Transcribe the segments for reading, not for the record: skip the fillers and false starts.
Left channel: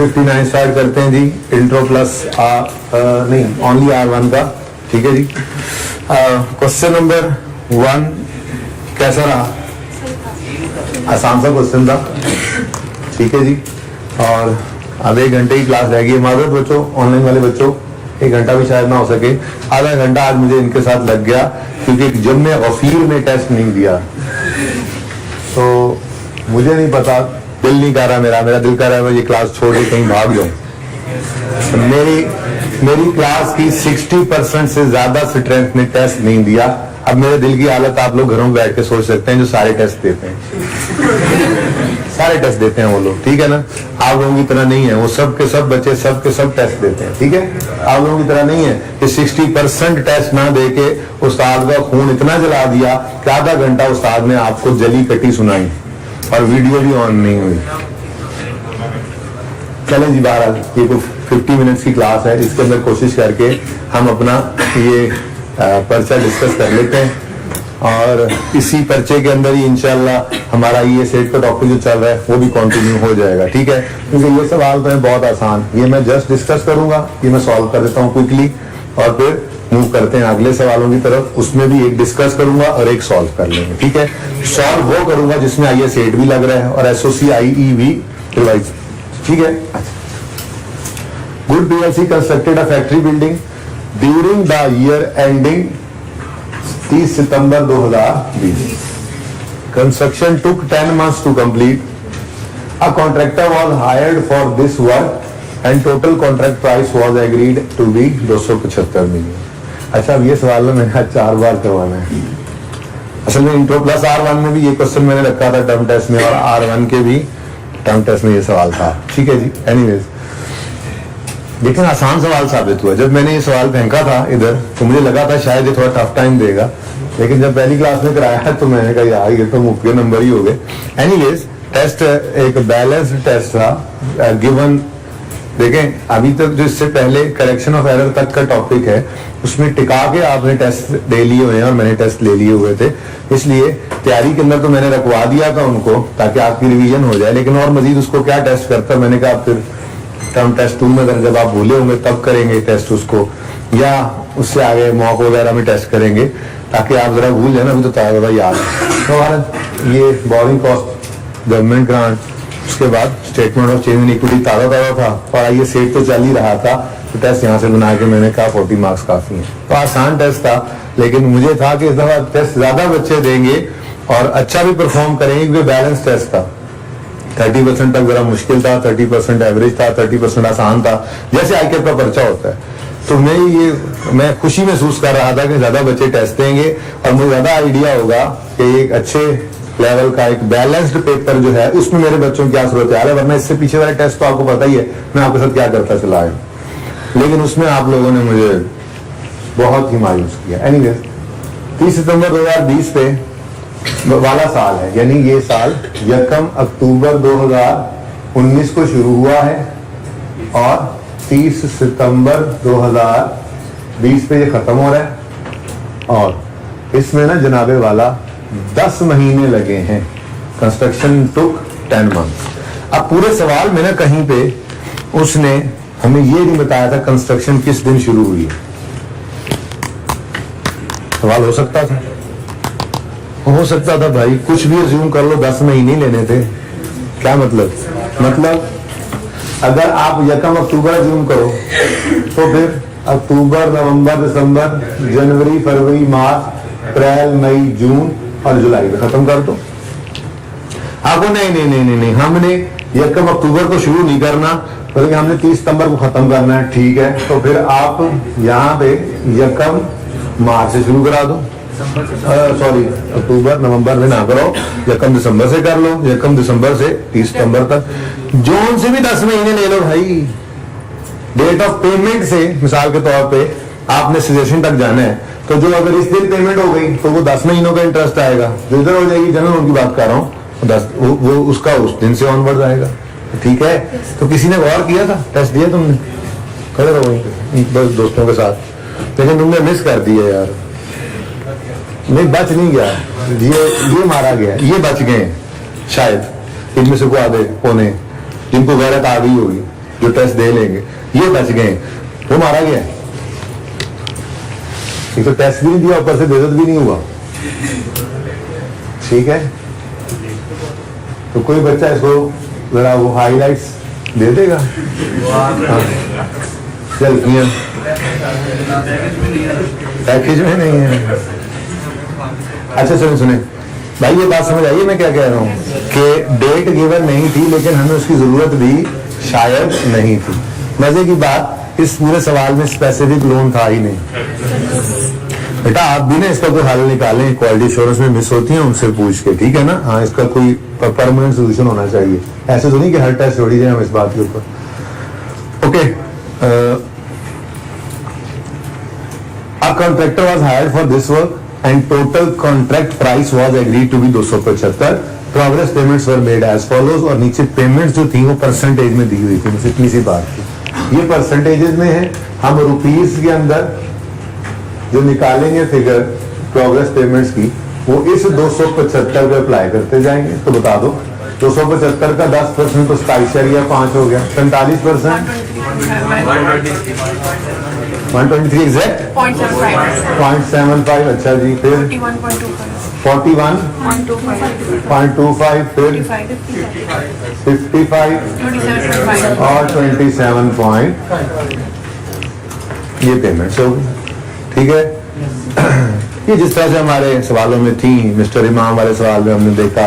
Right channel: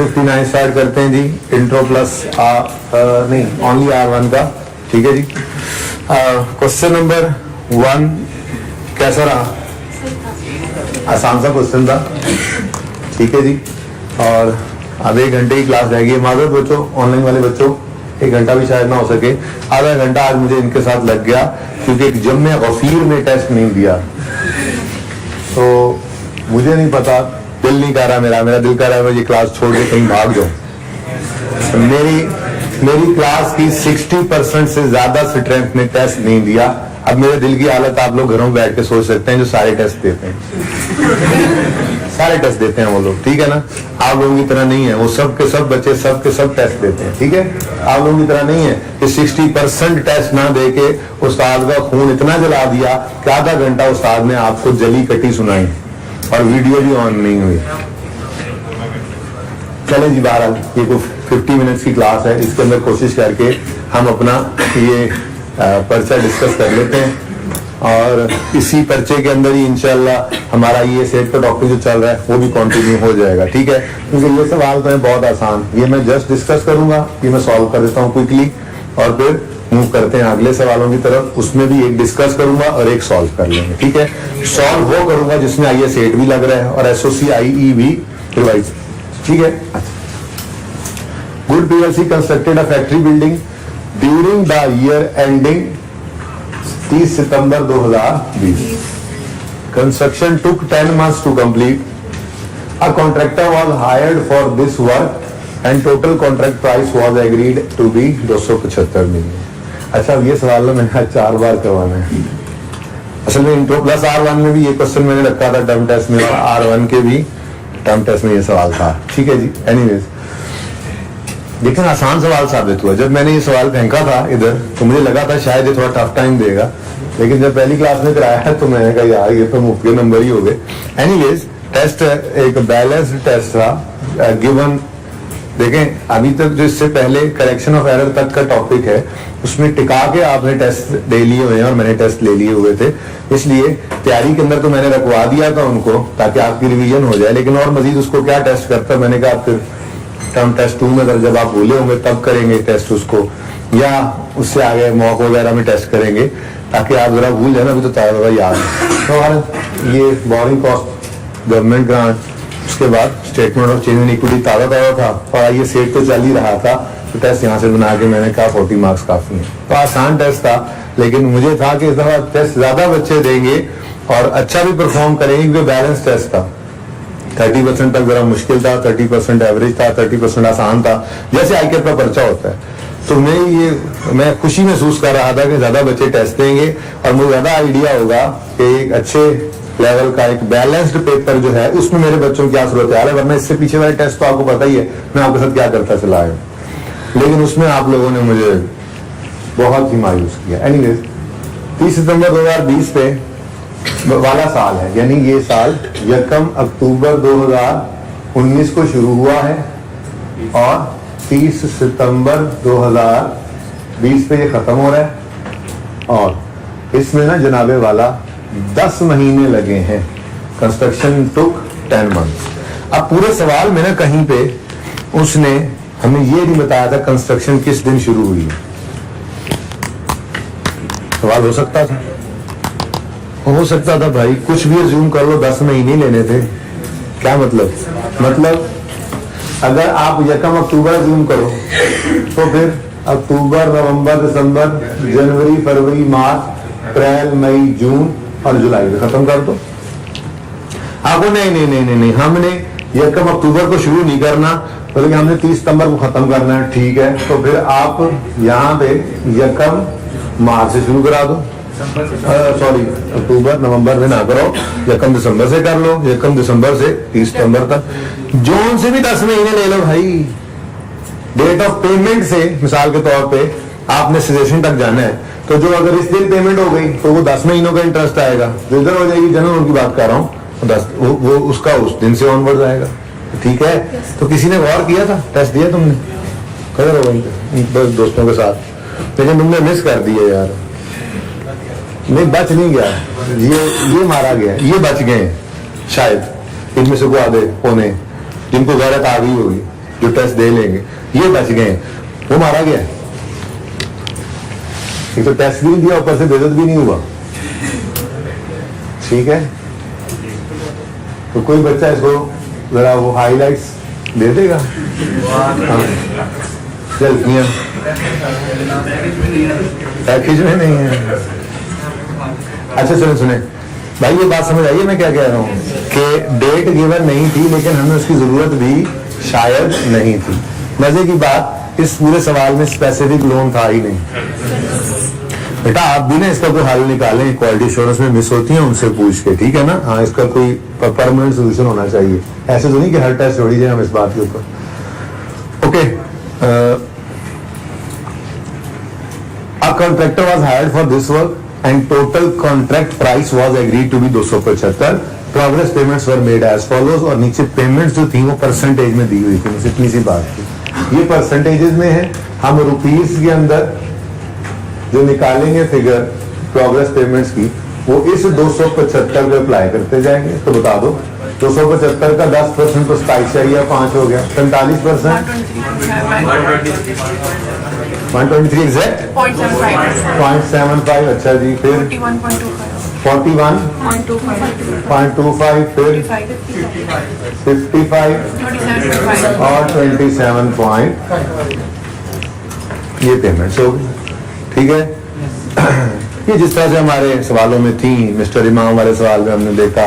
59 start करते हैं जी। Intro plus नहीं ओनली R1 का, ठीक है जी। क्वेश्चन नंबर 1 कैसा रहा? आसान सा क्वेश्चन था, ठीक है जी। और अब 1 घंटे की क्लास रहेगी। माजूर बच्चों, ऑनलाइन वाले बच्चों 1 घंटा भी शायद ना हो सके, आधा घंटा आज मुझे इनके साथ लग गया क्योंकि जब मैं गफीर में टेस्ट नहीं दिया तो मुझे नहीं पता, दिल नहीं कर रहा मेरा दिल कर रहा है मैं ये क्लास छोड़ के कहीं भाग जाऊं। मेरी क्लास की 60% से ज्यादा स्ट्रेंथ ने टेस्ट नहीं दिया। अब मेरे दिल की हालत आप लोग घरों में बैठ के सोच सकते हैं, जो सारे टेस्ट देते हैं, सारे टेस्ट देते हैं वो लोग, ठीक है ना। आप लोगों की तरह नहीं है, वो सब के सब बच्चे सब के सब टेस्ट देते हैं, ठीक है। आप लोगों की तरह नहीं है कि 60% टेस्ट ना दे के उस्ताद का खून इतना जला दिया कि आधा घंटा उस्ताद ने आपको जली कटी सुनाई और वीडियो भी ऑन नहीं हुई। चले जी, बहरहाल ये कोई 50 मिनट्स की क्लास है, इसके अंदर कोशिश करके हम अपना ये पर्चा डिस्कस कर लेते हैं और इसी पर्चे के अंदर ही इंशाल्लाह हमारा ये सेट का टॉपिक जो चल रहा है वो भी कंटिन्यू हो जाएगा, ठीक है। क्योंकि ये सवाल तो है बहुत आसान, ये मैं जस्ट डिस्कस करूंगा, ये मैं सॉल्व कर देता हूँ क्विकली और फिर मूव करते हैं अगले सवालों की तरफ। उसमें भी एक डिस्कस करूंगा और एक सॉल्व कर लेंगे, ठीक है। सॉल्व वो करूंगा जिसमें आईए सेट भी लग रहा है और SOC-IE भी रिवाइज, ठीक है। Good PLC constructed a factory building during the year ending 30 September 2020. Construction took 10 months to complete. A contractor was hired for this work and total contract price was agreed to be 275 million. अच्छा, अब ये सवाल मैंने 4 बार करवाना है। असल में intro plus R1 में भी ये क्वेश्चन मैंने रखा था टर्म टेस्ट में और R1 के भी टर्म टेस्ट में ये सवाल था, ठीक है जी। एनीवेज, लेकिन आसान सवाल साबित हुआ। जब मैंने ये सवाल फेंका था इधर तो मुझे लगा था शायद ये थोड़ा टफ टाइम देगा, लेकिन जब पहली क्लास में कराया तो मैंने कहा यार ये तो मुफ्त के नंबर ही हो गए। एनीवेज, टेस्ट एक बैलेंस्ड टेस्ट था गिवन। देखें, अभी तक जो इससे पहले करेक्शन ऑफ एरर तक का टॉपिक है उसमें टिका के आपने टेस्ट दे लिए हुए हैं और मैंने टेस्ट ले लिए हुए थे, इसलिए तैयारी के अंदर तो मैंने रखवा दिया था उनको ताकि आपकी रिवीजन हो जाए। लेकिन और मजीद उसको क्या टेस्ट करता, मैंने कहा फिर टर्म टेस्ट 2 में अगर जब आप बोले होंगे तब करेंगे टेस्ट उसको, या उससे आगे मॉक वगैरह में टेस्ट करेंगे ताकि आप जरा भूल जाए ना, अभी तो ताज़ा याद है। तो ये बोरिंग कॉस्ट गवर्नमेंट ग्रांट, उसके बाद statement of change in equity ताज़ा था और ये सेट तो चल ही रहा था, तो टेस्ट यहाँ से बना के मैंने कहा 40 मार्क्स काफी है। तो आसान टेस्ट था, लेकिन मुझे था कि इस दफा टेस्ट ज्यादा बच्चे देंगे और अच्छा भी परफॉर्म करेंगे क्योंकि बैलेंस टेस्ट था। 30% तक जरा मुश्किल था, 30% एवरेज था, 30% आसान था, जैसे ICAP का पर्चा होता है। तो मैं खुशी महसूस कर रहा था कि ज्यादा बच्चे टेस्ट देंगे और मुझे ज्यादा आइडिया होगा कि एक अच्छे लेवल का एक बैलेंस्ड पेपर जो है उसमें मेरे बच्चों की क्या सूरत है। वरना इससे पीछे वाले टेस्ट तो आपको पता ही है मैं आपके साथ क्या करता चला आया, लेकिन उसमें आप लोगों ने मुझे बहुत ही मायूस किया। एनीवेज, 30 सितंबर 2020 पे वाला साल है, यानी ये साल 1 अक्टूबर 2019 को शुरू हुआ है और 30 सितंबर 2020 पे ये खत्म हो रहा है और इसमें ना जनाबे वाला 10 महीने लगे हैं। कंस्ट्रक्शन टुक 10 मंथ्स। अब पूरे सवाल में ना कहीं पे उसने हमें ये नहीं बताया था कंस्ट्रक्शन किस दिन शुरू हुई। सवाल हो सकता था भाई, कुछ भी अज्यूम कर लो, 10 महीने लेने थे। क्या मतलब अगर आप 1 अक्टूबर अज्यूम करो तो फिर अक्टूबर, नवंबर, दिसंबर, जनवरी, फरवरी, मार्च, अप्रैल, मई, जून और जुलाई में खत्म कर दो। आपको नहीं, हमने 1 अक्टूबर को शुरू नहीं करना बल्कि हमने 30 सितंबर को खत्म करना है, ठीक है। तो फिर आप यहाँ पे 1 मार्च से शुरू करा दो, सॉरी अक्टूबर नवंबर में ना करो, 1 दिसंबर से कर लो, 1 दिसंबर से 30 सितंबर तक, जून से भी 10 महीने ले लो भाई। डेट ऑफ पेमेंट से मिसाल के तौर पे आपने सजेशन तक जाना है तो जो अगर इस दिन पेमेंट हो गई तो वो 10 महीनों का इंटरेस्ट आएगा, जो इधर हो जाएगी जनरल उनकी बात कर रहा हूँ, वो उसका उस दिन से ऑनवर्ड आएगा, ठीक है। तो किसी ने गौर किया था, टेस्ट दिया तुमने खड़े रहो दोस्तों के साथ, लेकिन तुमने मिस कर दिया यार। नहीं, बच नहीं गया, ये मारा गया, ये बच गए शायद, इनमें से को आधे पौने जिनको गैरत आ गई होगी, जो टेस्ट दे लेंगे, ये बच गए, वो मारा गया। एक तो टेस्ट भी नहीं दिया, ऊपर से बेइज्जत भी नहीं हुआ। ठीक है, तो कोई बच्चा इसको जरा वो हाईलाइट्स दे देगा। सेल्फियां पैकेज में नहीं है। अच्छा सुने सुने भाई, ये बात समझ आइए मैं क्या कह रहा हूँ कि डेट गिवन नहीं थी, लेकिन हमें उसकी जरूरत भी शायद नहीं थी। मजे की बात, इस पूरे सवाल में स्पेसिफिक लोन था ही नहीं। बेटा आप भी ना इसका कोई हल निकालें, क्वालिटी एश्योरेंस में मिस होती है उनसे पूछ के, ठीक है ना। हाँ, इसका कोई परमानेंट सोल्यूशन होना चाहिए, ऐसे तो नहीं कि हर टेस्ट छोड़ी जाए हम इस बात के ऊपर। Okay, a contractor was hired for this work and total contract price was agreed to be 275. Progress payments were made as follows, और नीचे पेमेंट्स जो थी वो परसेंटेज में दी हुई थी, मुझे इतनी सी बात थी। ये परसेंटेजेस में है, हम रुपीस के अंदर जो निकालेंगे फिगर प्रोग्रेस पेमेंट्स की, वो इस 275 पे अप्लाई करते जाएंगे। तो बता दो 275 का 10% तो 27.5 हो गया, 45%, 123 एग्जैक्ट 0.75। अच्छा जी, फिर 41.25, फिर 55 और 27 ये पेमेंट्स हो गई। ठीक है, ये जिस तरह से हमारे सवालों में थी, मिस्टर इमाम वाले सवाल में हमने देखा,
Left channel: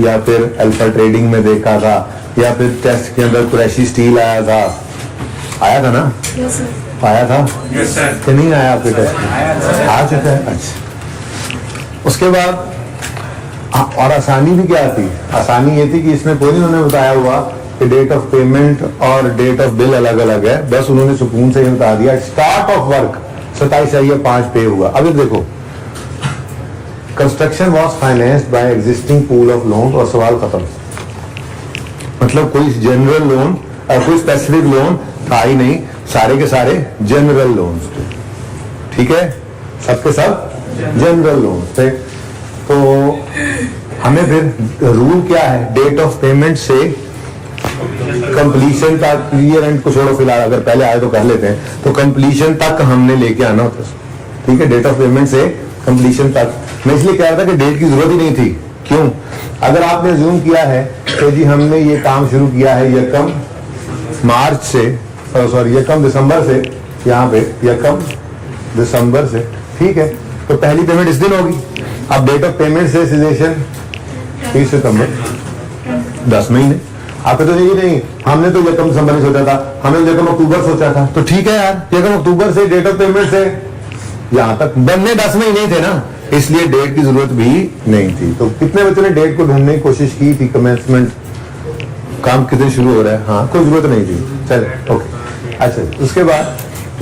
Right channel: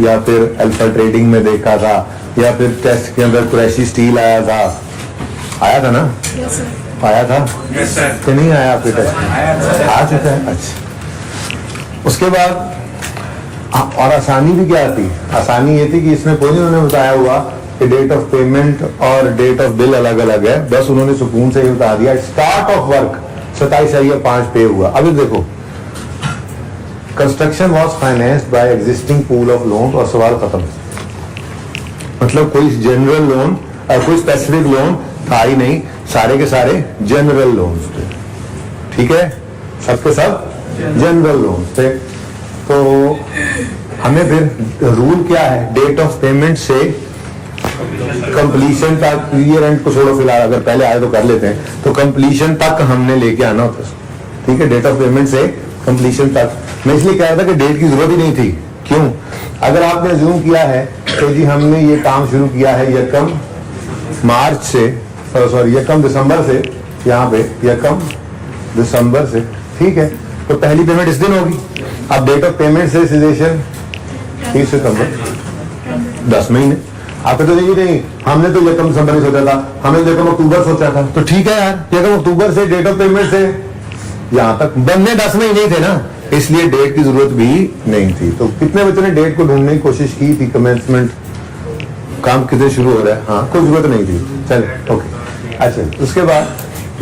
या फिर अल्फा ट्रेडिंग में देखा था, या फिर टेस्ट के अंदर कुरैशी स्टील आया था ना? yes, आया था yes, कि नहीं आया आपके टेस्ट? आ चुका है। अच्छा, उसके बाद और आसानी भी क्या थी? आसानी ये थी कि इसमें कोई नहीं उन्होंने बताया हुआ कि डेट ऑफ पेमेंट और डेट ऑफ बिल अलग अलग है, बस उन्होंने सुकून से ये बता दिया स्टार्ट ऑफ वर्क 27/5 पे हुआ। अभी देखो, construction was financed by existing pool of loan, और सवाल खत्म। मतलब कोई जनरल लोन और कोई स्पेसिफिक लोन था ही नहीं, सारे के सारे जनरल लोन्स थे। ठीक है, सबके सब जनरल लोन्स थे। तो हमें फिर रूल क्या है, डेट ऑफ पेमेंट से कंप्लीशन तक, ईयर एंड को छोड़ो फिलहाल, अगर पहले आए तो कर लेते हैं, तो कंप्लीशन तक हमने लेके आना होता है। ठीक है, डेट ऑफ पेमेंट से कंप्लीशन तक। मैं इसलिए कह रहा था कि डेट की जरूरत ही नहीं थी। क्यों? अगर आपने अज्यूम किया है तो जी हमने ये काम शुरू किया है यकम मार्च से, सॉरी यकम दिसंबर से, यहाँ पे यकम दिसंबर से, ठीक है, तो पहली पेमेंट इस दिन होगी। अब डेट ऑफ पेमेंट से सिलेशन 30 सितंबर, 10 महीने। आपने तो यही नहीं, हमने तो यकम दिसंबर में सोचा था, हमने तो यकम अक्टूबर सोचा था, तो ठीक है यार, यकम अक्टूबर से डेट ऑफ पेमेंट से यहाँ तक बनने 10 महीने थे ना, इसलिए डेट की जरूरत भी नहीं थी। तो कितने बच्चों ने डेट को ढूंढने की कोशिश की थी? कमेंसमेंट काम कितने शुरू हो रहा है? हाँ, कोई जरूरत नहीं थी। चल ओके, अच्छा, उसके बाद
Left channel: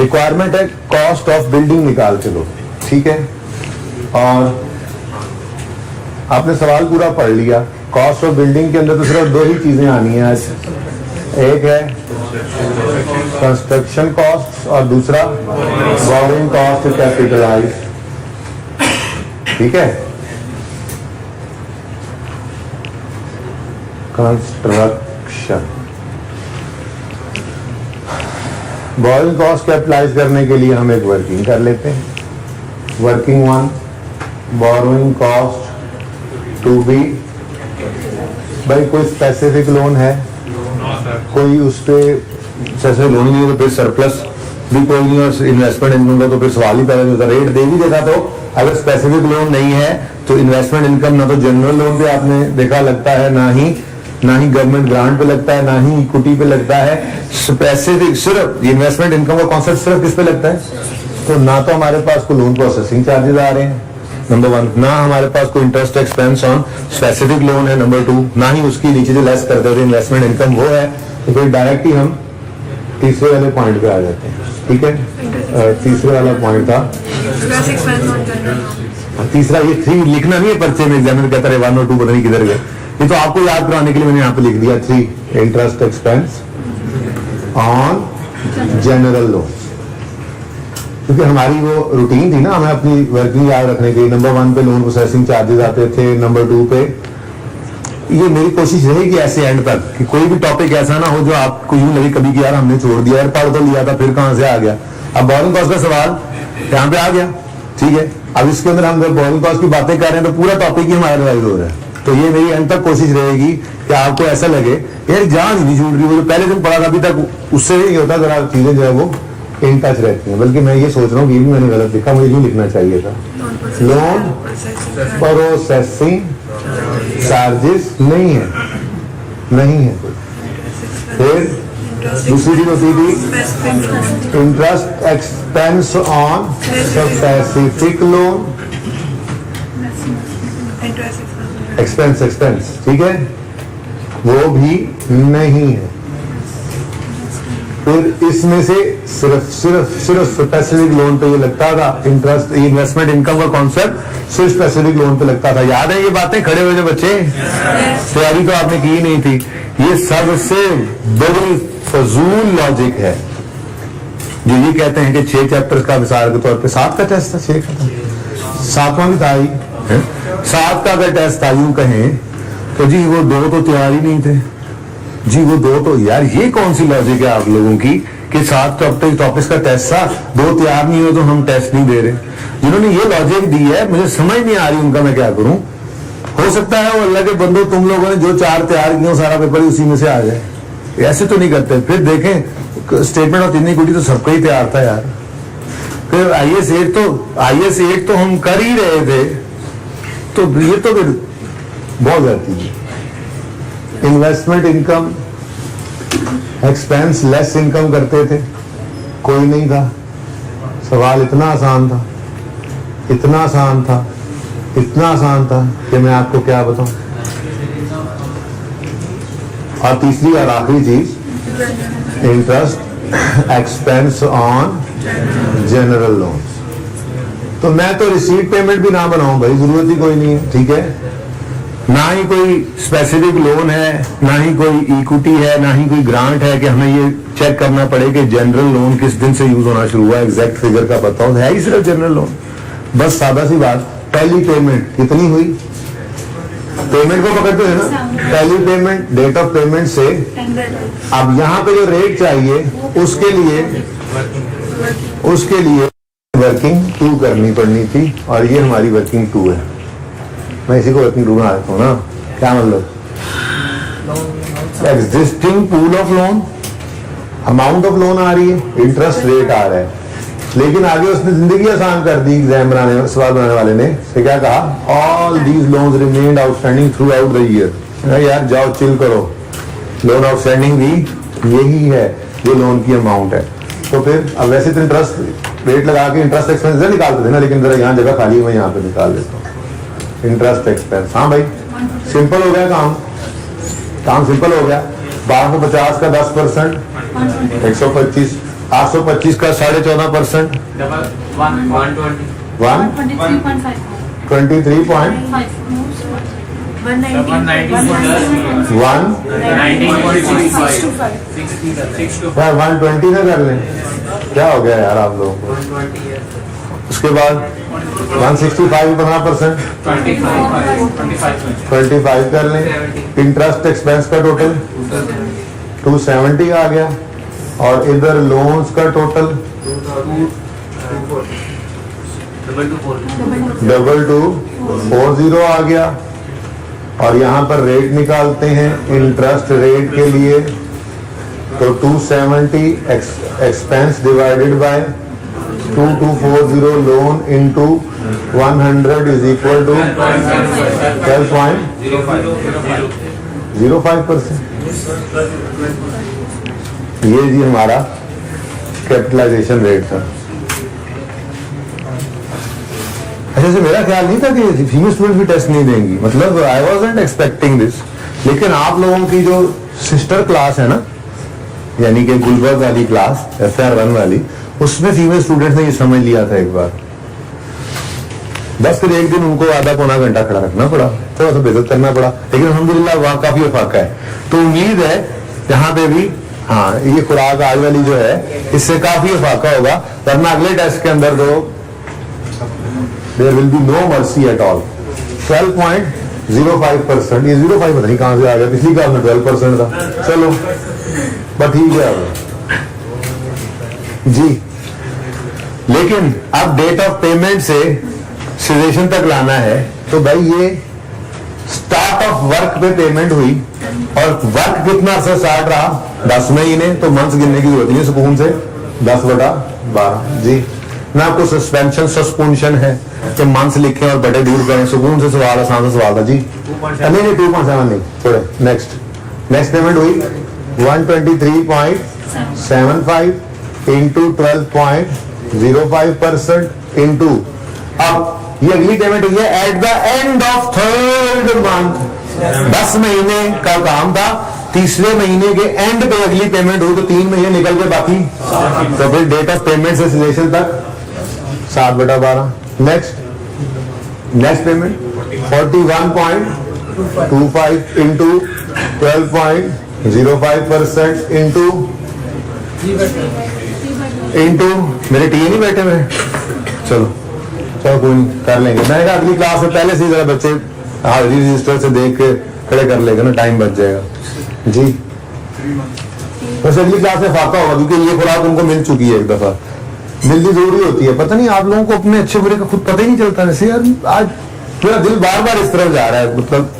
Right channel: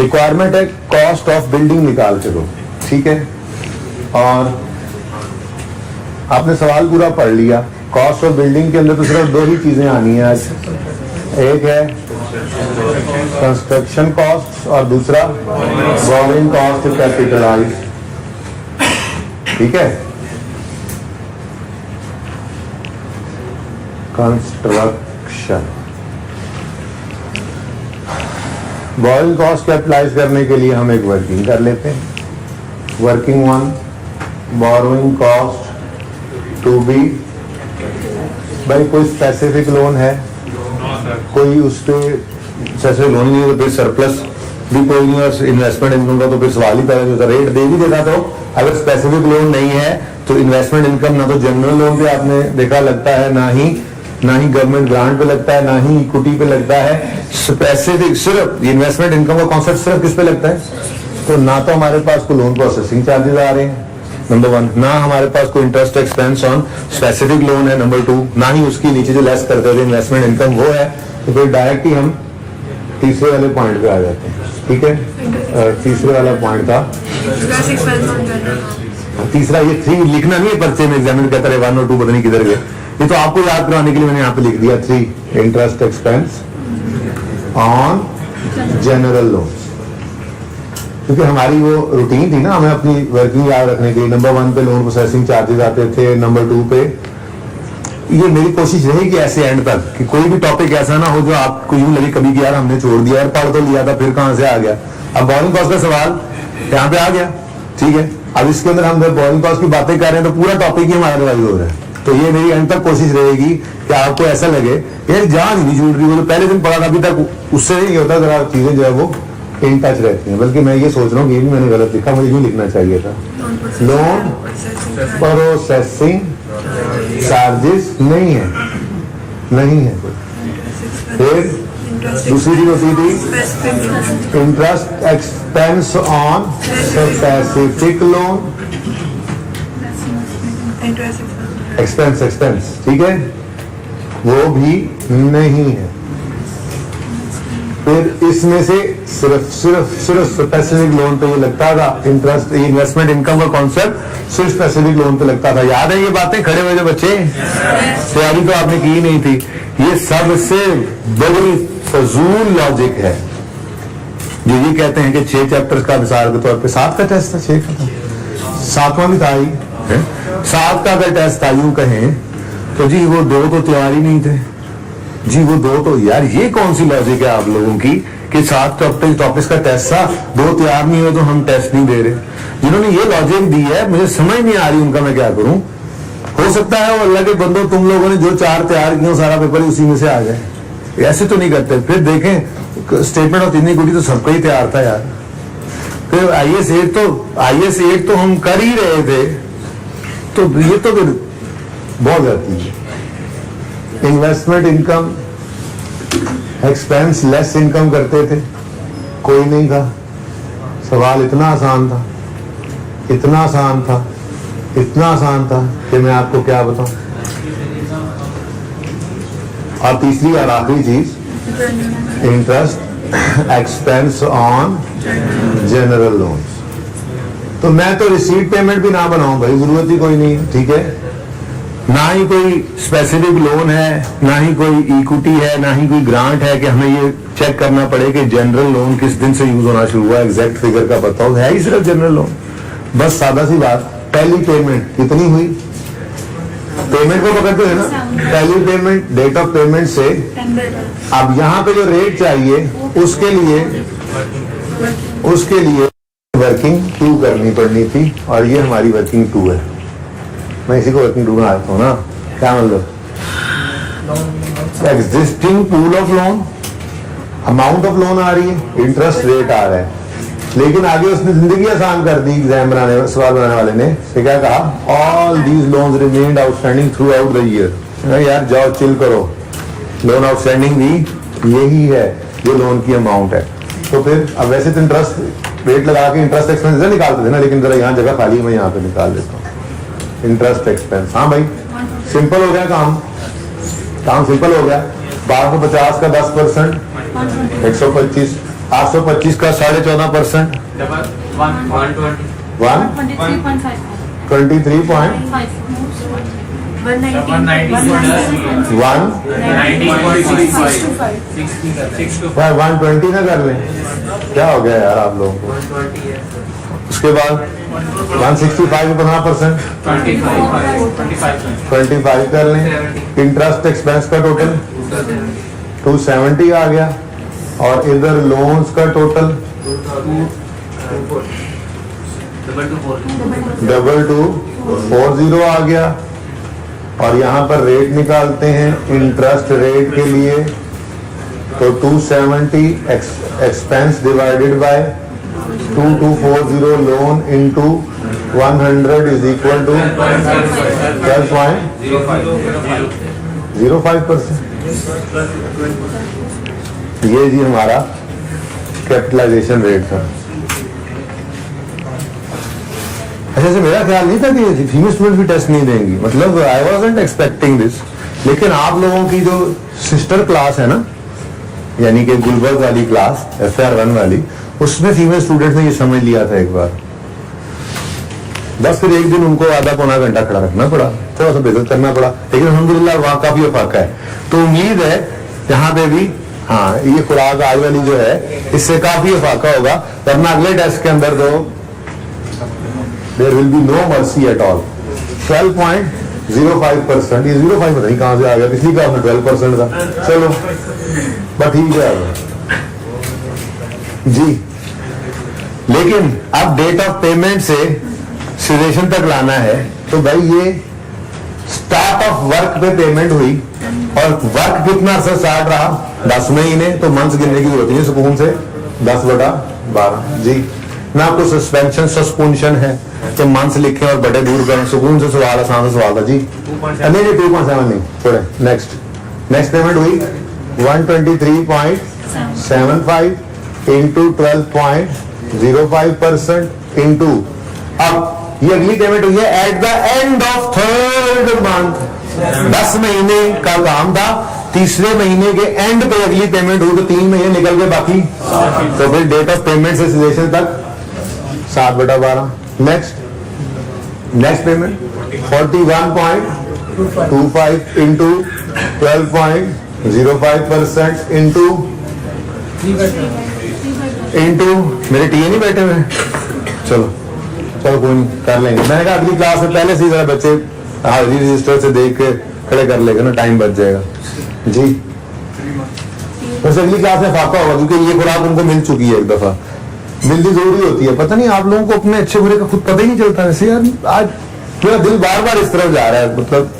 रिक्वायरमेंट है कॉस्ट ऑफ बिल्डिंग निकाल के दो। ठीक है, और आपने सवाल पूरा पढ़ लिया। कॉस्ट ऑफ बिल्डिंग के अंदर तो सिर्फ 2 ही चीजें आनी है आज, एक है कंस्ट्रक्शन कॉस्ट और दूसरा बोरिंग कॉस्ट कैपिटलाइज। ठीक है, कंस्ट्रक्शन बोरिंग कॉस्ट कैपिटलाइज करने के लिए हम एक वर्किंग कर लेते हैं। Working 1, borrowing cost to be, भाई कोई स्पेसिफिक लोन है, कोई उस पे जैसे लोन नहीं है तो फिर सरप्लस भी कोई नहीं, और इन्वेस्टमेंट इनकम का तो फिर सवाल ही पैदा होता। रेट दे भी देता, तो अगर स्पेसिफिक लोन नहीं है तो इन्वेस्टमेंट इनकम ना तो जनरल लोन पे आपने देखा लगता है, ना ही गवर्नमेंट ग्रांट पे लगता है, ना ही इक्विटी पे लगता है। स्पेसिफिक सिर्फ इन्वेस्टमेंट इनकम का कॉन्सेप्ट सिर्फ किस पे लगता है? तो ना तो हमारे पास कोई लोन प्रोसेसिंग चार्जेस आ रहे हैं, नंबर 1, ना हमारे पास कोई interest expense on specific loan है, नंबर 2, ना ही उसकी नीचे जो लेस करते थे इन्वेस्टमेंट इनकम वो है। तो फिर डायरेक्ट ही हम तीसरे वाले पॉइंट पे आ जाते हैं। ठीक है, तीसरे वाला पॉइंट था तीसरा, ये 3 लिखना नहीं है पर्चे में, एग्जामिनर कहता है 1 और 2 पता नहीं किधर गए। ये तो आपको याद कराने के लिए मैंने यहाँ पे लिख दिया 3, interest expense on general loan, क्योंकि हमारी वो रूटीन थी ना, हमें अपनी वर्किंग याद रखने के लिए। नंबर 1 पे लोन प्रोसेसिंग चार्जेस आते थे, नंबर 2 पे ये मेरी कोशिश रहेगी ऐसे एंड तक कि कोई भी टॉपिक ऐसा ना हो जो आपको यूं लगे कभी कि यार हमने छोड़ दिया, यार पढ़ तो लिया था फिर कहां से आ गया। अब बोरिंग कॉस्ट का सवाल यहाँ पे आ गया, ठीक है। अब इसके अंदर हम बोरिंग कॉस्ट की बातें कर रहे हैं तो पूरा टॉपिक ही हमारा रिवाइज हो रहा है। तो ये मेरी एंड तक कोशिश रहेगी कि आपको ऐसा लगे यार जान ही नहीं छूट रही, वो जो पहले दिन पढ़ा था अभी तक उससे नहीं होता, जरा चीजें जो है वो इन टच रहती हैं। बल्कि मैं ये सोच रहा हूँ कि ये भी मैंने गलत लिखा, मुझे यूं लिखना चाहिए था, लोन प्रोसेसिंग चार्जेस नहीं है, नहीं है। फिर दूसरी चीज होती थी interest expense on specific loan, expense expense, ठीक है, वो भी नहीं है। फिर इसमें से सिर्फ स्पेसिफिक लोन पे ये लगता था, इंटरेस्ट इन्वेस्टमेंट इनकम का कॉन्सेप्ट सिर्फ स्पेसिफिक लोन पे लगता था। याद है ये बातें खड़े हुए जो बच्चे, तैयारी तो आपने की नहीं थी। ये सबसे बड़ी फजूल लॉजिक है जो ये कहते हैं कि 6 चैप्टर्स का मिसाल के तौर पे 7 का टेस्ट था, 6 का था, 7वां भी था ही, 7 का अगर टेस्ट था यूं कहें तो जी वो 2 तो तैयार ही नहीं थे जी, वो 2 तो, यार ये कौन सी लॉजिक है आप लोगों की कि 7 टॉपिक्स का टेस्ट था, 2 तैयार नहीं हो तो हम टेस्ट नहीं दे रहे। जिन्होंने ये लॉजिक दी है मुझे समझ नहीं आ रही उनका मैं क्या करूं। हो सकता है वो अल्लाह के बंदो तुम लोगों ने जो 4 तैयार किए सारा पेपर ही उसी में से आ जाए, ऐसे तो नहीं करते। फिर देखें स्टेटमेंट ऑफ इनइक्विटी तो सबका ही तैयार था यार। फिर IAS 8 तो हम कर ही रहे थे, तो ये तो फिर बहुत जाती है। Investment income expense less income करते थे, कोई नहीं था। सवाल इतना आसान था, इतना आसान था, इतना आसान था कि मैं आपको क्या बताऊं। और तीसरी और आखिरी चीज interest expense on general loans. तो मैं तो रिसीट पेमेंट भी ना बनाऊं भाई, जरूरत ही कोई नहीं है, ठीक है। ना ही कोई स्पेसिफिक लोन है, ना ही कोई इक्विटी है, ना ही कोई ग्रांट है कि हमें ये चेक करना पड़े कि जनरल लोन किस दिन से यूज होना शुरू हुआ, एग्जैक्ट फिगर का बताओ, है ही सिर्फ जनरल लोन। बस सादा सी बात, पहली पेमेंट कितनी हुई, पेमेंट को पकड़ते हैं ना, पहली पेमेंट डेट ऑफ पेमेंट से अब यहाँ पे जो रेट चाहिए उसके लिए वर्किंग 2 करनी पड़नी थी, और ये हमारी वर्किंग 2 है। मैं इसी को वर्किंग 2 में आता हूँ ना, क्या मतलब, existing pool of loan, amount of loan आ रही है, इंटरेस्ट रेट आ रहा है, लेकिन आगे उसने जिंदगी आसान कर दी सवाल बनाने वाले ने। तो क्या कहा, all these loans remained outstanding through out the year. यार जाओ चिल करो, लोन आउटस्टैंडिंग भी यही है, ये लोन की अमाउंट है। तो फिर अब वैसे तो इंटरेस्ट रेट लगा के इंटरेस्ट एक्सपेंस निकालते थे ना, लेकिन जरा यहाँ जगह खाली है, मैं यहाँ पे निकाल देता हूँ इंटरेस्ट एक्सपेंस। हाँ भाई सिंपल हो गया काम सिंपल हो गया। 1250 का 10%, 125, 825 का 14.5%, 120 ना कर लें, क्या हो गया यार आप लोगों को। उसके बाद 165 15%, 25 कर लें। इंटरेस्ट एक्सपेंस का टोटल 270 आ गया, और इधर लोन्स का टोटल 2240 आ गया। और यहाँ पर रेट निकालते हैं इंटरेस्ट रेट के लिए, तो 270 expense divided by 2240 loan into 100 is equal to 12.05%। ये जी हमारा कैपिटलाइजेशन रेट था। अच्छा से मेरा ख्याल नहीं था कि फीमेल स्टूडेंट भी टेस्ट नहीं देंगी, मतलब आई वाज़न्ट एक्सपेक्टिंग दिस। लेकिन आप लोगों की जो सिस्टर क्लास है ना, यानी कि गुलबर्ग वाली क्लास, FR1 वाली, उसमें फीमेल स्टूडेंट्स ने ये समझ लिया था एक बार। बस फिर एक दिन उनको आधा पौना घंटा खड़ा रखना पड़ा, थोड़ा सा बेइज्जत करना पड़ा, लेकिन अल्हम्दुलिल्लाह वहाँ काफी अफाका है। तो उम्मीद है यहाँ पे भी, हाँ ये खुराक आज वाली जो है इससे काफी अफाका होगा, वरना अगले टेस्ट के अंदर तो there will be no mercy at all. 12 point 0.05%, ये 0.5 पता नहीं कहाँ से आ गया, पिछली क्लास में 12% था। चलो बट ठीक है अब जी। लेकिन अब डेट ऑफ पेमेंट से सिचुएशन तक लाना है, तो भाई ये स्टार्ट ऑफ वर्क पे पेमेंट हुई और वर्क कितना अर्सा स्टार्ट रहा, 10 महीने, तो मंथ्स गिनने की जरूरत नहीं सुकून से 10/12 जी ना। आपको सस्पेंशन सस्पेंशन है तो मंथ्स लिखे और बड़े दूर करें, सुकून से सवाल, आसान से सवाल था जी। नहीं 2.7 नहीं, थोड़े नेक्स्ट पेमेंट हुई 123.75 इंटू 12.05% इंटू, अब ये अगली पेमेंट हुई है at the end of 3rd month. 10 महीने का काम था, तीसरे महीने के एंड पे अगली पेमेंट हुई, तो 3 महीने निकल के बाकी, तो फिर डेट ऑफ पेमेंट से सिचुएशन तक 7/12। नेक्स्ट पेमेंट 41.25 इंटू 12.05% इंटू मेरे टी नहीं बैठे हुए, चलो कोई नहीं, कर लेंगे। मैंने कहा अगली क्लास में पहले से ही जरा बच्चे हाजिरी रजिस्टर से देख के खड़े कर लेगा ना, टाइम बच जाएगा जी। वैसे अगली क्लास में फाका होगा क्योंकि ये खुराक उनको मिल चुकी है, एक दफा मिलनी जरूरी होती है। पता नहीं आप लोगों को अपने अच्छे बुरे का खुद पता ही नहीं चलता। वैसे यार आज मेरा दिल बार बार इस तरफ जा रहा है, मतलब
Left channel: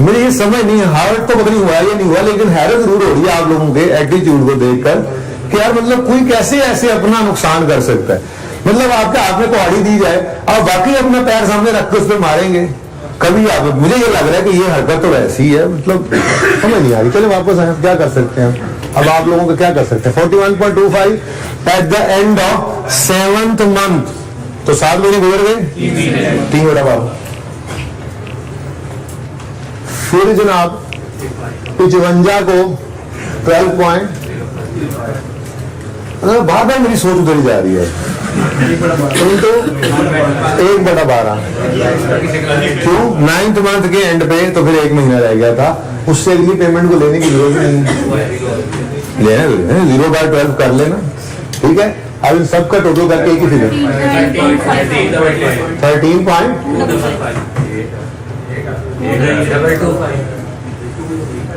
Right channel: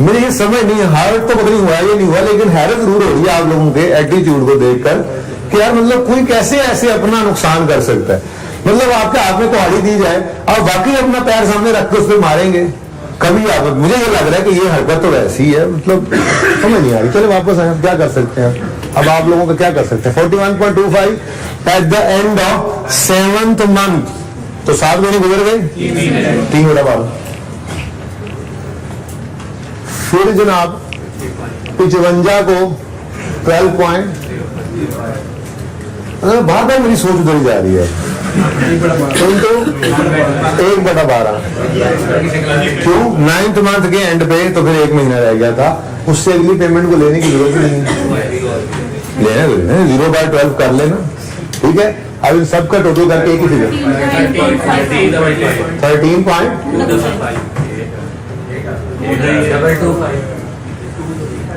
मुझे ये समझ नहीं है, हार्ट तो पता नहीं हुआ या नहीं हुआ, लेकिन हैरत जरूर हो रही है आप लोगों के एटीट्यूड को देखकर कि यार मतलब कोई कैसे ऐसे अपना नुकसान कर सकता है। मतलब आपके हाथ में कुहाड़ी दी जाए और बाकी अपना पैर सामने रख के उस पर मारेंगे कभी आप, मुझे ये लग रहा है कि ये हरकत तो वैसी ही है, मतलब समझ नहीं आ रही। चलो वापस आए, क्या कर सकते हैं अब आप लोगों को क्या कर सकते हैं। 41.25 at the end of 7th month, तो 7 महीने गुजर गए, 3/12। फिर जनाब 55 को 12 बार बार मेरी सोच उधर जा रही है, इंटू 1/12 क्यों 9th मंथ के एंड पे, तो फिर 1 महीना रह गया था, उससे अगली पेमेंट को लेने की जरूरत नहीं है, लेना 0/12 कर लेना, ठीक है। अब इन सबका टोटल करके एक ही फिगर 13.25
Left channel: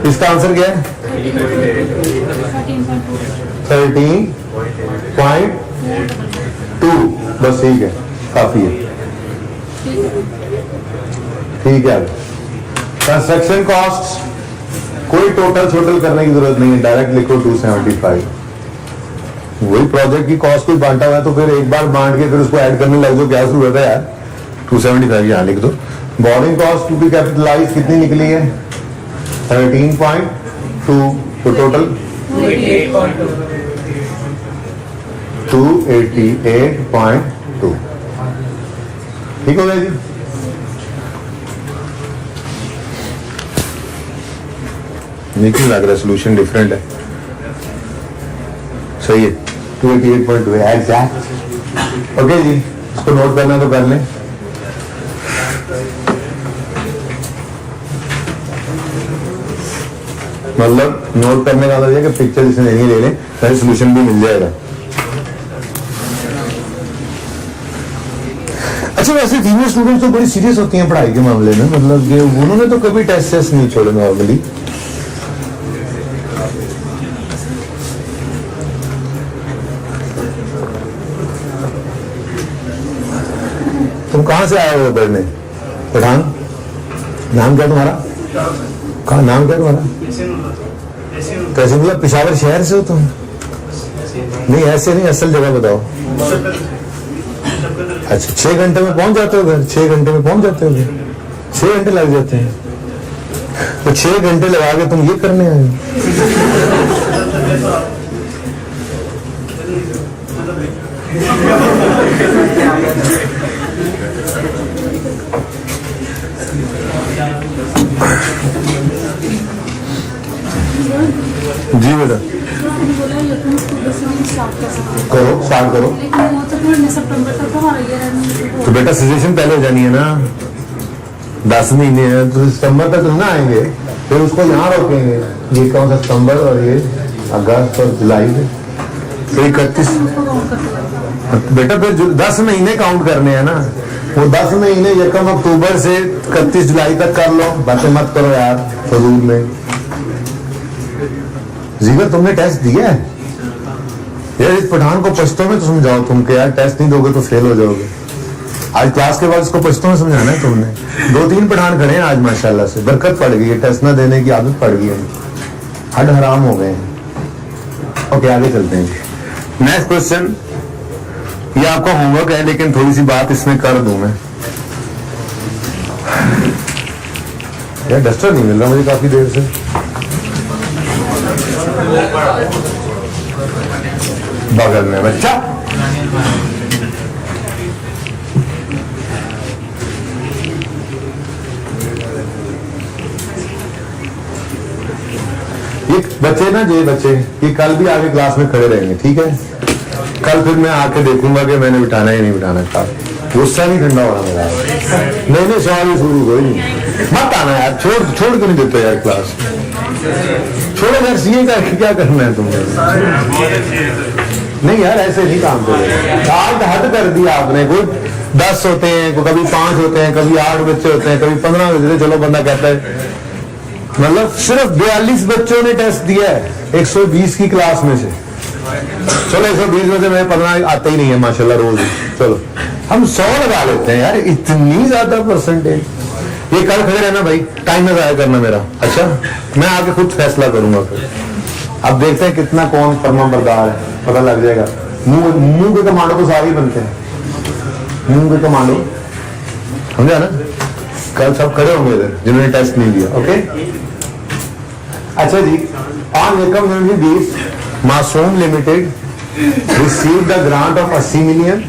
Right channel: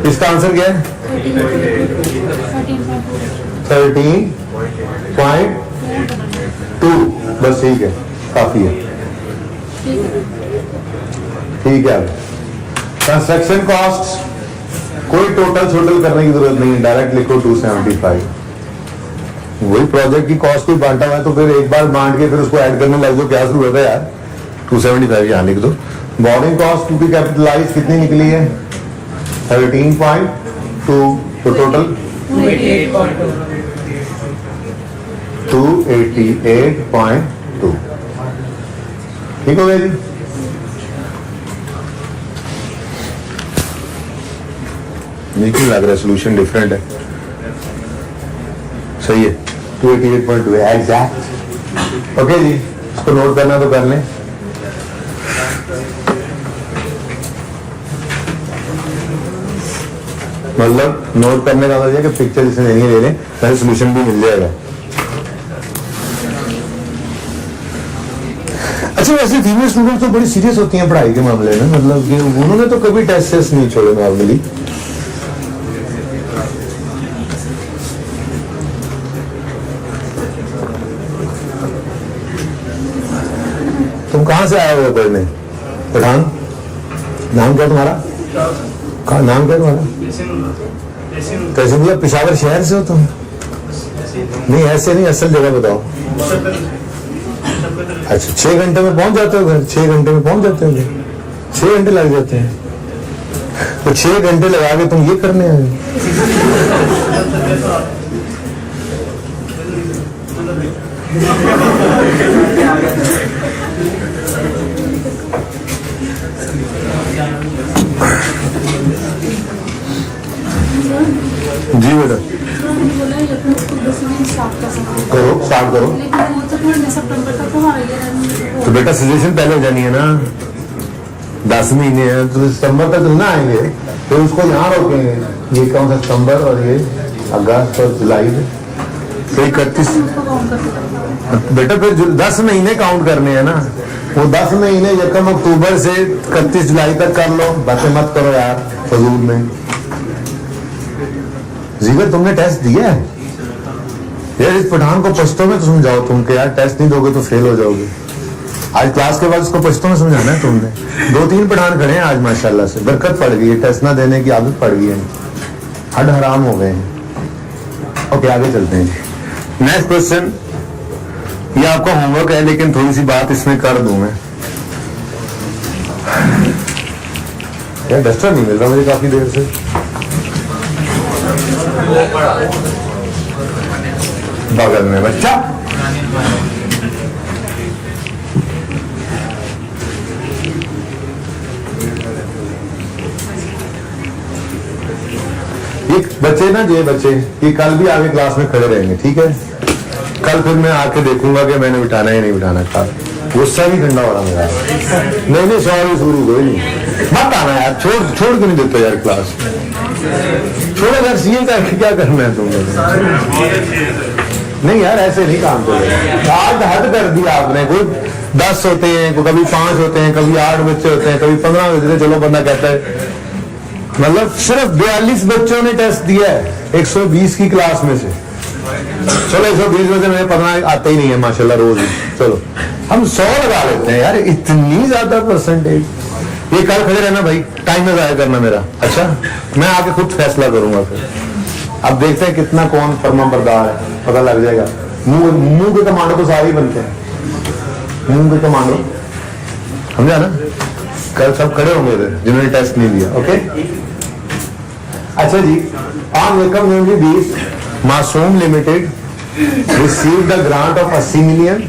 इसका आंसर क्या है 13.2, बस ठीक है, काफी है, ठीक है। कंस्ट्रक्शन कॉस्ट कोई टोटल करने की जरूरत नहीं है, डायरेक्ट लिखो 275। वही प्रोजेक्ट की कॉस्ट कोई बांटा हुआ है तो फिर एक बार बांट के फिर उसको ऐड करने लग जाओ, क्या जरूरत है यार। 275 यहाँ लिख दो। Borrowing cost to be capitalize कितनी निकली है 13.2, तो टोटल 288.2, ठीक हो गया जी। नहीं लग रहा सोल्यूशन डिफरेंट है, सही है 288.2 है एग्जैक्ट। ओके जी, इसको नोट करना तो कर लें। मतलब नोट करने का मतलब कि पिक्चर इसे नहीं ले लें, तो सोल्यूशन भी मिल जाएगा। अच्छा वैसे फीमेल स्टूडेंट्स तो बड़ी सीरियस होती हैं पढ़ाई के मामले में, मतलब कि उन्होंने तो कभी टेस्ट नहीं छोड़े नॉर्मली। तुम कहाँ से आए हो पढ़ने? पठान। नाम क्या तुम्हारा? कहाँ नाम क्या तुम्हारा? कैसे मतलब पेशावर शहर से हो तुम? नहीं ऐसे नहीं, असल जगह बताओ। अच्छा 6 घंटे में पहुंच जाते हो घर? 6 घंटे में पहुंच जाते हो घर? 6 घंटे लग जाते हैं, तो 6 घंटे लगा के तुम ये करने आए हो? जी बेटा करो, स्टार्ट करो। तो बेटा सजेशन पहले हो जानी है ना, 10 महीने हैं तो सितंबर तक ना आएंगे, तो उसको यहाँ रोकेंगे। ये कौन सा सितंबर और ये अगस्त और जुलाई, तो 31 बेटा फिर 10 महीने काउंट करने हैं ना, वो 10 महीने 1 अक्टूबर से 31 जुलाई तक कर लो, बातें मत करो यार फजूल में। जीवर तुमने टेस्ट दिया है यार, इस पठान को पश्तो में तो समझाओ तुम के यार, टेस्ट नहीं दोगे तो फेल हो जाओगे। आज क्लास के बाद इसको पश्तो में समझाना है तुमने। 2-3 पठान खड़े हैं आज माशाल्लाह से, बरकत पड़ गई है, टेस्ट ना देने की आदत पड़ गई है, हड हराम हो गए हैं। ओके आगे चलते हैं जी। नेक्स्ट क्वेश्चन, ये आपका होमवर्क है लेकिन थोड़ी सी बात इसमें कर दूं मैं। यार डस्टर नहीं मिल रहा मुझे काफी देर से। बगल में बच्चा, ये बच्चे ना, ये बच्चे ये कल भी आगे क्लास में खड़े रहेंगे, ठीक है। कल फिर मैं आके देखूंगा कि मैंने बिठाना या नहीं बिठाना। कल गुस्सा नहीं ठंडा हो रहा मेरा। नहीं सवाल शुरू कोई नहीं, मत आना यार, छोड़ के नहीं देते यार क्लास, छोड़ो यार, सीए का क्या करना है तुमने। नहीं यार ऐसे नहीं काम चलेगा, आज हद कर दिया आपने। कोई 10 होते हैं, कभी 5 होते हैं, कभी 8 बच्चे होते हैं, कभी 15 बच्चे। चलो बंदा कहता है, मतलब सिर्फ 42 बच्चों ने टेस्ट दिया है 120 की क्लास में से। चलो 120 में से मेरे 15 आते ही नहीं है माशाल्लाह रोज। चलो हम 100 लगा लेते हैं यार, इतनी ज्यादा परसेंटेज। ये कल खड़े रहना भाई, टाइम में जाया करना मेरा। अच्छा मैं आके खुद फैसला करूंगा फिर। अब देखते हैं कितना कौन फर्मा बरदार है, पता लग जाएगा। मुंह के कमांडो तो सारे ही बनते हैं, मुंह के कमांडो, समझा ना। कल सब खड़े होंगे इधर जिन्होंने टेस्ट नहीं दिया। ओके अच्छा जी, ऑन वेलकम यूनिवर्सिटी मासूम limited receive the grant of 80 million.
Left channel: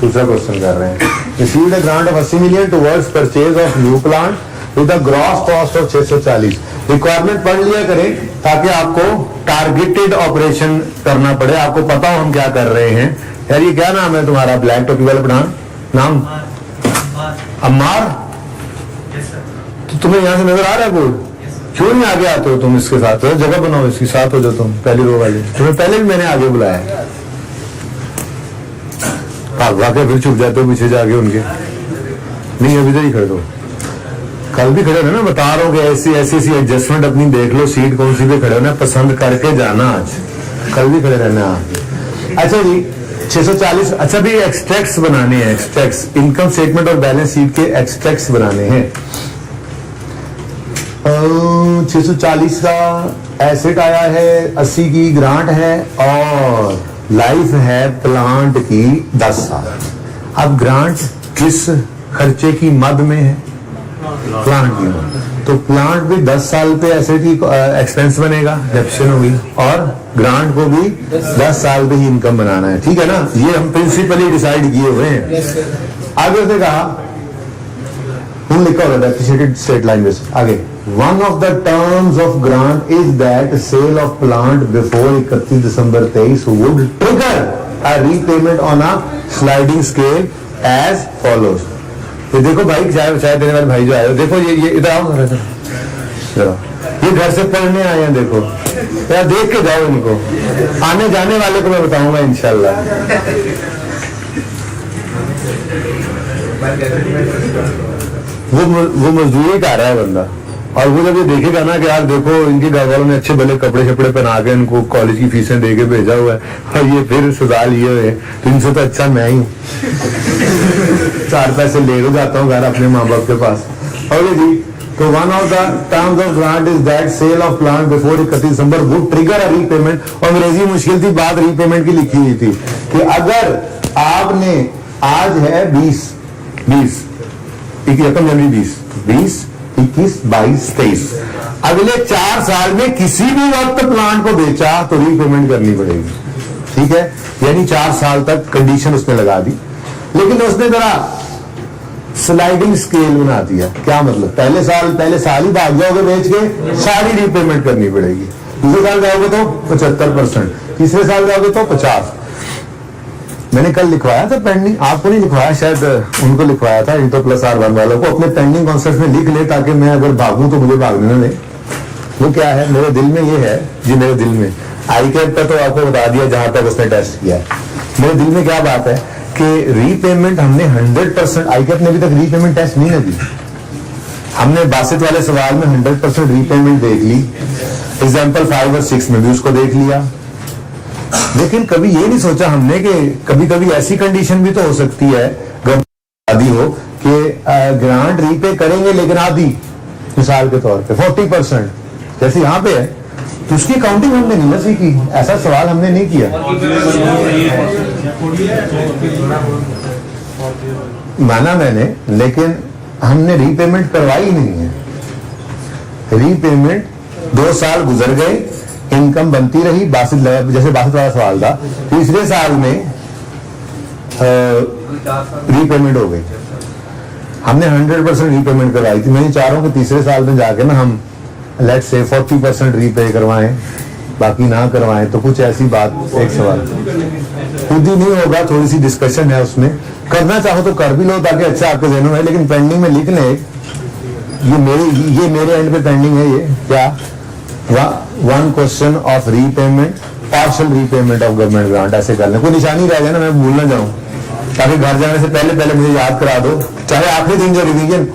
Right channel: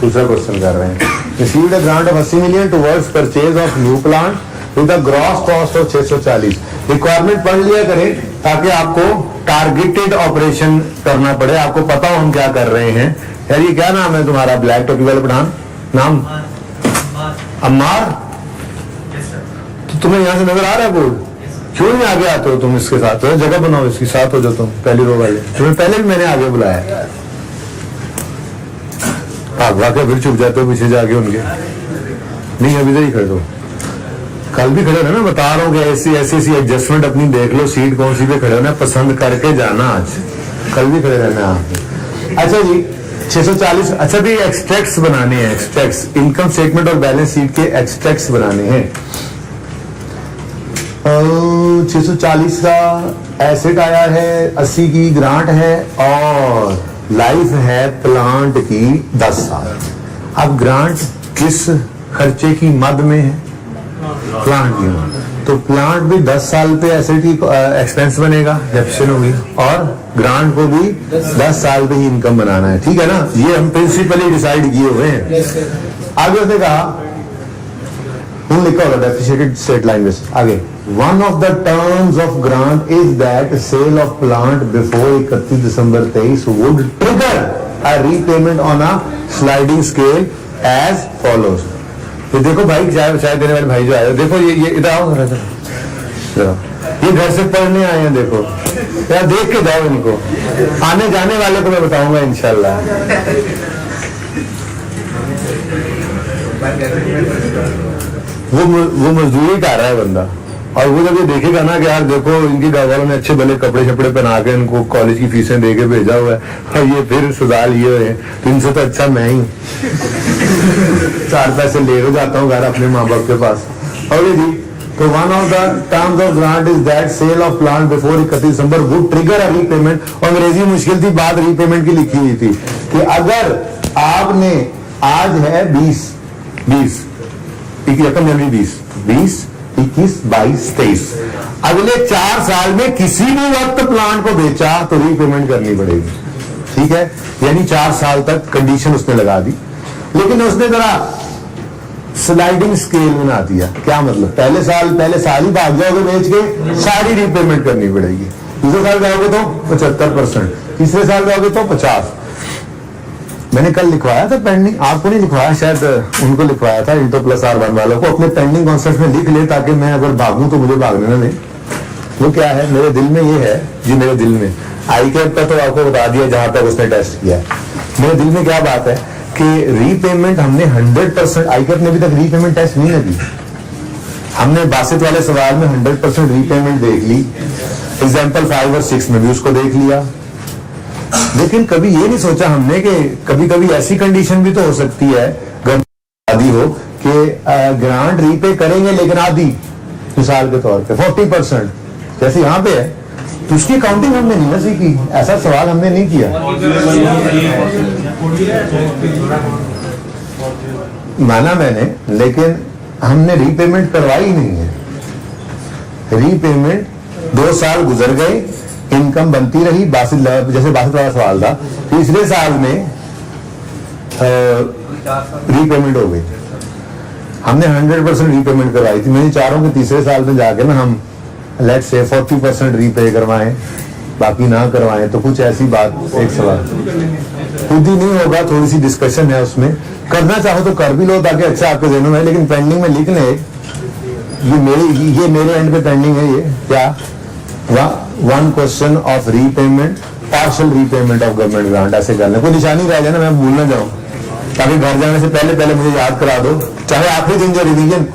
दूसरा क्वेश्चन कर रहे हैं, receive the grant of 80 million towards purchase of new plant with a gross cost of 640। Requirement पढ़ लिया करें ताकि आपको टारगेटेड ऑपरेशन करना पड़े, आपको पता हो हम क्या कर रहे हैं। यार ये क्या नाम है तुम्हारा ब्लैक टोपी वाला पठान, नाम अम्मार? तो तुम्हें यहाँ से नजर आ रहा है बोल, क्यों नहीं आगे आते हो तुम इसके साथ? तो जगह बनाओ इसके साथ हो जाओ तुम, पहली रो वाले। तुम्हें पहले भी मैंने आगे बुलाया, भागवा के फिर चुप जाते हो पीछे जाके उनके। नहीं अभी इधर ही खड़े हो, कल भी खड़े हो ना, बता रहा हूँ कि ऐसी एडजस्टमेंट अपनी देख लो, सीट कौन सी पे खड़े होना, पसंद करके जाना। आज कल भी खड़े रहना आप। अच्छा जी 640। अच्छा भी एक्सट्रैक्ट्स बनाने हैं, एक्सट्रैक्ट्स इनकम स्टेटमेंट और बैलेंस शीट के एक्सट्रैक्ट्स बनाने हैं। 640 का एसेट आया है, 80 की ग्रांट है और लाइफ है प्लांट की 10 साल। अब ग्रांट किस खर्चे की मद में है? प्लांट की मद। तो प्लांट भी 10 साल पे एसेट की एक्सपेंस बनेगा, डेफिशिएंट होगी, और ग्रांट को भी 10 साल पे ही इनकम बनाना है, ठीक है ना। ये हम प्रिंसिपली डिसाइड किए हुए हैं। आगे उसने कहा, हम लिखा होगा डेफिशिएटेड स्टेट लाइन बेस आगे, one of the terms of grant is that sale of plant before 31 December 23 would trigger a repayment on a sliding scale as follows. तो देखो भाई चाय देने वाले भाई जो आए, देखो ये इधर आओ जरा, ये घर से पढ़ने आए हैं, देखो यार देख के जाओ इनको, आने जाने वाले को मैं बताऊंगा इंशाल्लाह। वो मजदूरी कर रहा है बंदा, और वो जब ये देखेगा ना कि यार देखो इनके घर वालों ने अच्छे भले कपड़े शपड़े पहना के इनको कॉलेज की फीसें दे के भेजा हुआ है, और ये फिर सुधार लिए हुए हैं, तो इनसे तो अच्छा मैं ही 4 पैसे ले जाता हूँ घर अपने माँ बाप के पास। और जी तो one of the terms of grant is that sale of plant before 31 December would trigger a repayment. अंग्रेजी मुश्किल थी, बात रीपेमेंट की लिखी हुई थी कि अगर आपने आज है 20 जनवरी 20 21 22 23 अगले 4 साल में किसी भी वक्त प्लांट को बेचा तो रीपेमेंट करनी पड़ेगी, ठीक है। यानी 4 साल तक कंडीशन उसने लगा दी, लेकिन उसने जरा स्लाइडिंग स्केल बना दिया। क्या मतलब? पहले साल ही भाग जाओगे बेच के, सारी रीपेमेंट करनी पड़ेगी। दूसरे साल जाओगे तो 75%, तीसरे साल जाओगे तो 50। मैंने कल लिखवाया था पेंडिंग, आपको नहीं लिखवाया, शायद उनको लिखवाया था, इंटो प्लस R1 वालों को। अपने पेंडिंग कॉन्सेप्ट में लिख ले ताकि मैं अगर भागूं तो मुझे भागने ना दे। वो क्या है, मेरे दिल में ये है जी, मेरे दिल में आईकैप का तो आपको बता दिया जहां तक उसने टेस्ट किया है। मेरे दिल में क्या बात है कि रीपेमेंट हमने 100%, आईकैप ने अभी तक रीपेमेंट टेस्ट नहीं दी। हमने बासित वाले सवाल में 100% रीपेमेंट देख ली, एग्जाम्पल 5 और 6 में भी उसको देख लिया, लेकिन कभी ये नहीं सोचा हमने कि कभी कभी ऐसी कंडीशन भी तो हो सकती है आदि हो कि ग्रांट रीपे करेंगे लेकिन आधी, मिसाल के तौर पे 40%, जैसे यहाँ पे है, तो उसकी काउंटिंग हमने नहीं ना सीखी, ऐसा सवाल हमने नहीं किया। माना मैंने, लेकिन हमने रीपेमेंट करवाई नहीं है। रीपेमेंट 2 साल गुजर गए, इनकम बनती रही, बासित जैसे बासित वाला सवाल था, तीसरे साल में रीपेमेंट हो गई, हमने 100% रीपेमेंट करवाई थी। मैं चाह रहा हूं कि तीसरे साल में जाके ना हम लेट्स से 40% रीपे करवाएं, बाकी ना करवाएं, तो कुछ ऐसी बात, एक सवाल खुद ही नहीं होगा, थोड़ी सी डिस्कशन है उसमें, करना चाहो तो कर भी लो ताकि अच्छा आपके जहनों में, लेकिन पेंडिंग में लिख लें, ये मेरे एंड पे पेंडिंग है, ये क्या, 1 question of repayment, partial repayment of government grant, ऐसे कर लें, कोई निशानी रह जाए ना, मैं भूल ना जाऊं, ताकि घर जाने से पहले पहले मुझे याद करा दो। चाहे आखिरी दिन जो रिवीजन,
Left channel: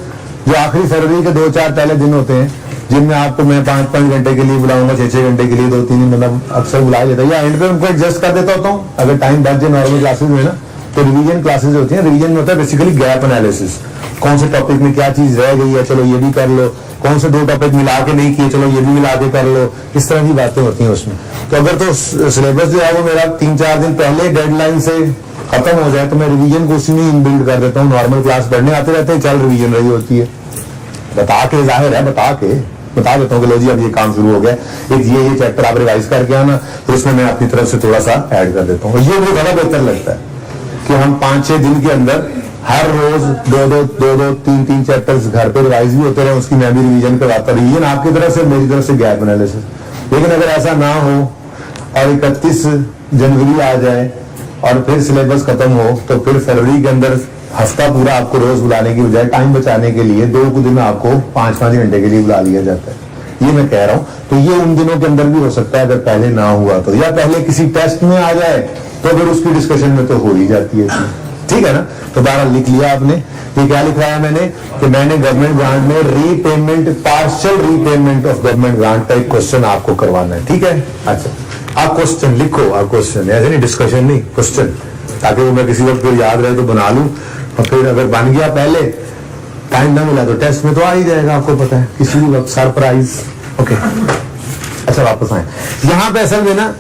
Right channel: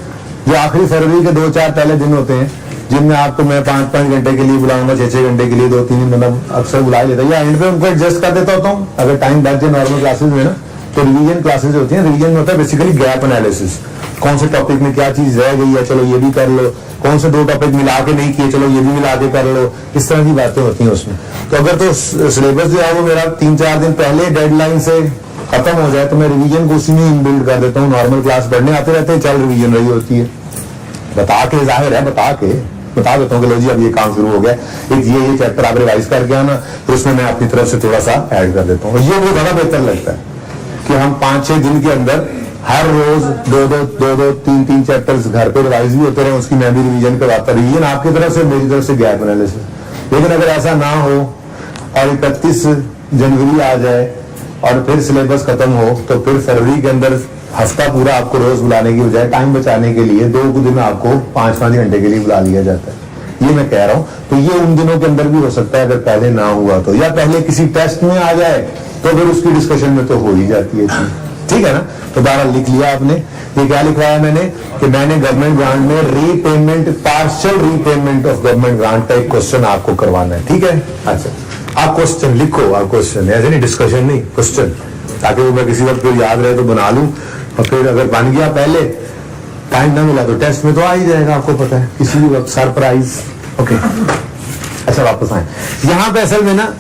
जो आखिरी फरवरी के 2-4 पहले दिन होते हैं, जिनमें आपको मैं 5-5 घंटे के लिए बुलाऊंगा, 6-6 घंटे के लिए, 2-3 दिन मतलब अक्सर बुला लेता है, या एंड पे उनको एडजस्ट कर देता होता हूँ अगर टाइम बच जाए नॉर्मल क्लासेज में ना। तो रिवीजन क्लासेज होती हैं, रिवीजन में होता है बेसिकली गैप एनालिसिस, कौन से टॉपिक में क्या चीज रह गई है, चलो ये भी कर लो, कौन से 2 टॉपिक मिला के नहीं किए, चलो ये भी मिला के कर लो, इस तरह की बातें होती हैं उसमें। तो अगर तो सिलेबस जो है वो मेरा 3-4 दिन पहले डेडलाइन से खत्म हो जाए तो मैं रिवीजन को उसी में इनबिल्ड कर देता हूँ, नॉर्मल क्लास पढ़ने आते रहते हैं, चल रिवीजन रही होती है, बता के, जाहिर है बता देता हूँ कि लो जी अब ये काम शुरू हो गया, ये चैप्टर आप रिवाइज करके आना, फिर उसमें मैं अपनी तरफ से थोड़ा सा ऐड कर देता हूँ। ये मुझे बड़ा बेहतर लगता है कि हम 5-6 दिन के अंदर हर रोज 2-2, 3-3 चैप्टर्स घर पे रिवाइज भी होते रहे, उसकी मैं भी रिवीजन करवाता, रिवीजन आपकी तरफ से, मेरी तरफ से गैप एनालिसिस। लेकिन अगर ऐसा ना हो और 31 जनवरी आ जाए और फिर सिलेबस खत्म हो, तो फिर फरवरी के अंदर हफ्ता पूरा आपको रोज बुलाने की बजाय टाइम बचाने के लिए 2 दिन में आपको 5-5 घंटे के लिए बुला लिया जाता है। ये मैं कह रहा हूं, तो ये उन दिनों के अंदर भी हो सकता है अगर पहले ना हुआ तो, या पहले किसी टेस्ट में आ जाए तो फिर उसकी डिस्कशन में तो हो ही जाती है चीज, ठीक है ना। तो बहरहाल लिख लिया आपने, ये क्या लिखवाया मैंने कि मैंने गवर्नमेंट ग्रांट में repayment, partial repayment of government grant का एक क्वेश्चन आपको करवाना है, ठीक है। अच्छा, आप क्वेश्चन लिखो, आप क्वेश्चन, ऐसे नहीं डिस्कशन नहीं, क्वेश्चन, ताकि वो मैं किसी वक्त फिर याद रहे तो बना लूं, और फिर अगर बन गया पहले, टाइम ना मिला तो टेस्ट में तो आ ही जाएगा, आपको पता है, किसी भी वक्त सरप्राइज। ओके, अच्छा वापस आए, यहाँ पे असल में ना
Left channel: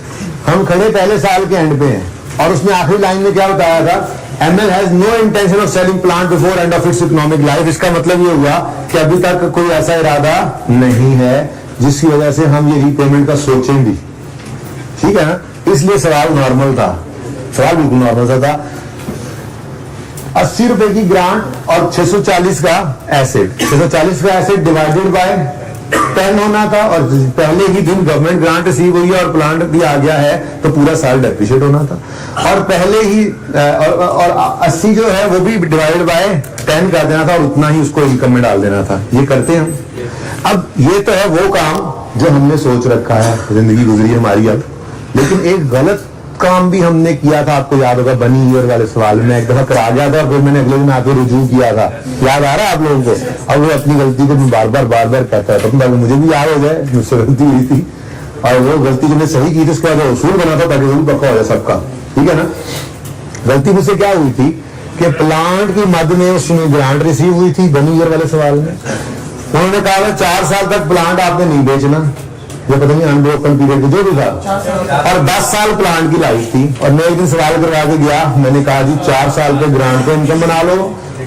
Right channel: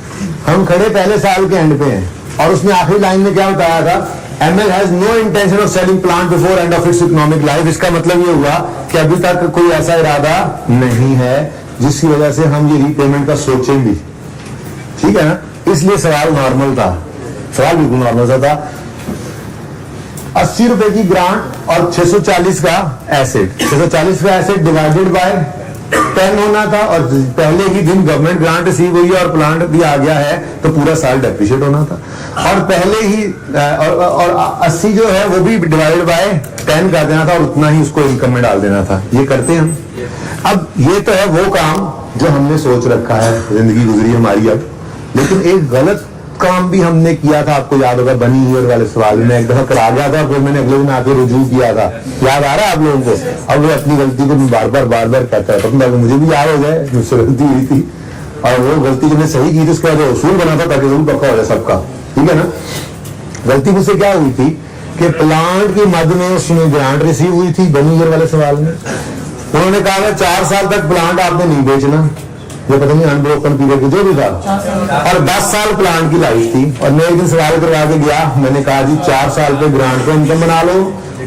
हम खड़े पहले साल के एंड पे हैं, और उसमें आखिरी लाइन में क्या बताया था, ML has no intention of selling plant before end of its economic life। इसका मतलब ये हुआ कि अभी तक कोई ऐसा इरादा नहीं है जिसकी वजह से हम ये रीपेमेंट का सोचें भी, ठीक है ना। इसलिए सवाल नॉर्मल था, सवाल बिल्कुल नॉर्मल सा था। 80 रुपए की ग्रांट और 640 का एसेट, 640 का एसेट डिवाइडेड बाय 10 होना था, और पहले ही दिन गवर्नमेंट ग्रांट रिसीव हुई है और प्लांट भी आ गया है, तो पूरा साल डेप्रिशिएट होना था, और पहले ही और 80 जो है वो भी डिवाइडेड बाय 10 कर देना था, और उतना ही उसको इनकम में डाल देना था। ये करते हैं हम। अब ये तो है वो काम जो हमने सोच रखा है, जिंदगी गुजरी हमारी अब, लेकिन एक गलत काम भी हमने किया था, आपको याद होगा बनी ईयर वाले सवाल में एक दफा करा गया था, फिर मैंने अगले दिन आके रुजू किया था, याद आ रहा है आप लोगों को। अब वो अपनी गलती को मैं बार बार कहता है, तो मुझे भी याद हो जाए मुझसे गलती हुई थी, और वो गलती जो सही की थी उसके बाद उसूल बना था ताकि उसूल पक्का हो जाए सबका, ठीक है ना। गलती मुझसे क्या हुई थी कि प्लांट की मद में उसमें ग्रांट रिसीव हुई थी बनी ईयर वाले सवाल में, उन्होंने कहा 4 साल तक प्लांट आपने नहीं बेचना, ये पता नहीं अनब्रोकन पीरियड जो भी था, और 10 साल प्लांट की लाइफ थी, और मैं एक दिन सवाल करवा के गया, मैंने कहा जी 4 साल पे ग्रांट पे इनकम बना लो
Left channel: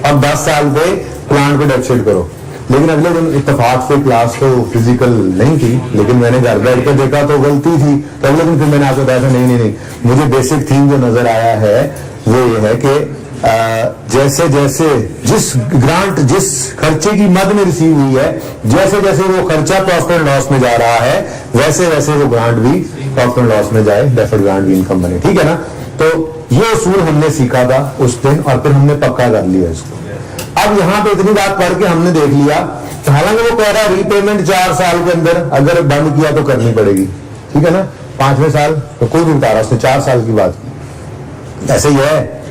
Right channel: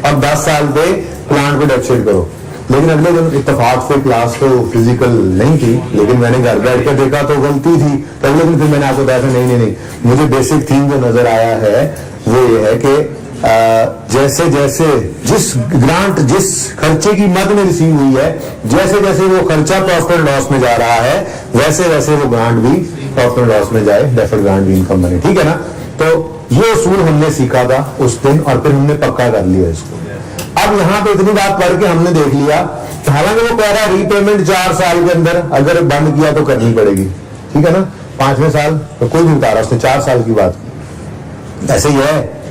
और 10 साल पे प्लांट पे डेप्रिशिएट करो। लेकिन अगले दिन इत्तेफाक से क्लास तो फिजिकल नहीं थी, लेकिन मैंने घर बैठ कर देखा तो गलती थी, तो अगले दिन फिर मैंने आपको बताया नहीं, मुझे बेसिक थीम जो नजर आया है वो ये है कि जैसे जैसे जिस ग्रांट जिस खर्चे की मद में रिसीव हुई है, जैसे जैसे वो खर्चा प्रॉफिट एंड लॉस में जा रहा है, वैसे वैसे वो ग्रांट भी प्रॉफिट एंड लॉस में जाए, डेफर्ड ग्रांट भी इनकम बने, ठीक है ना। तो ये उसूल हमने सीखा था उस दिन, और फिर हमने पक्का कर लिया इसको। अब यहाँ पे इतनी बात पढ़ के हमने देख लिया हालांकि वो कह रहा है रीपेमेंट 4 साल के अंदर अगर बंद किया तो करनी पड़ेगी, ठीक है ना, 5वें साल तो कोई नहीं बता रहा, उसने 4 साल की बात की, ऐसे ही है।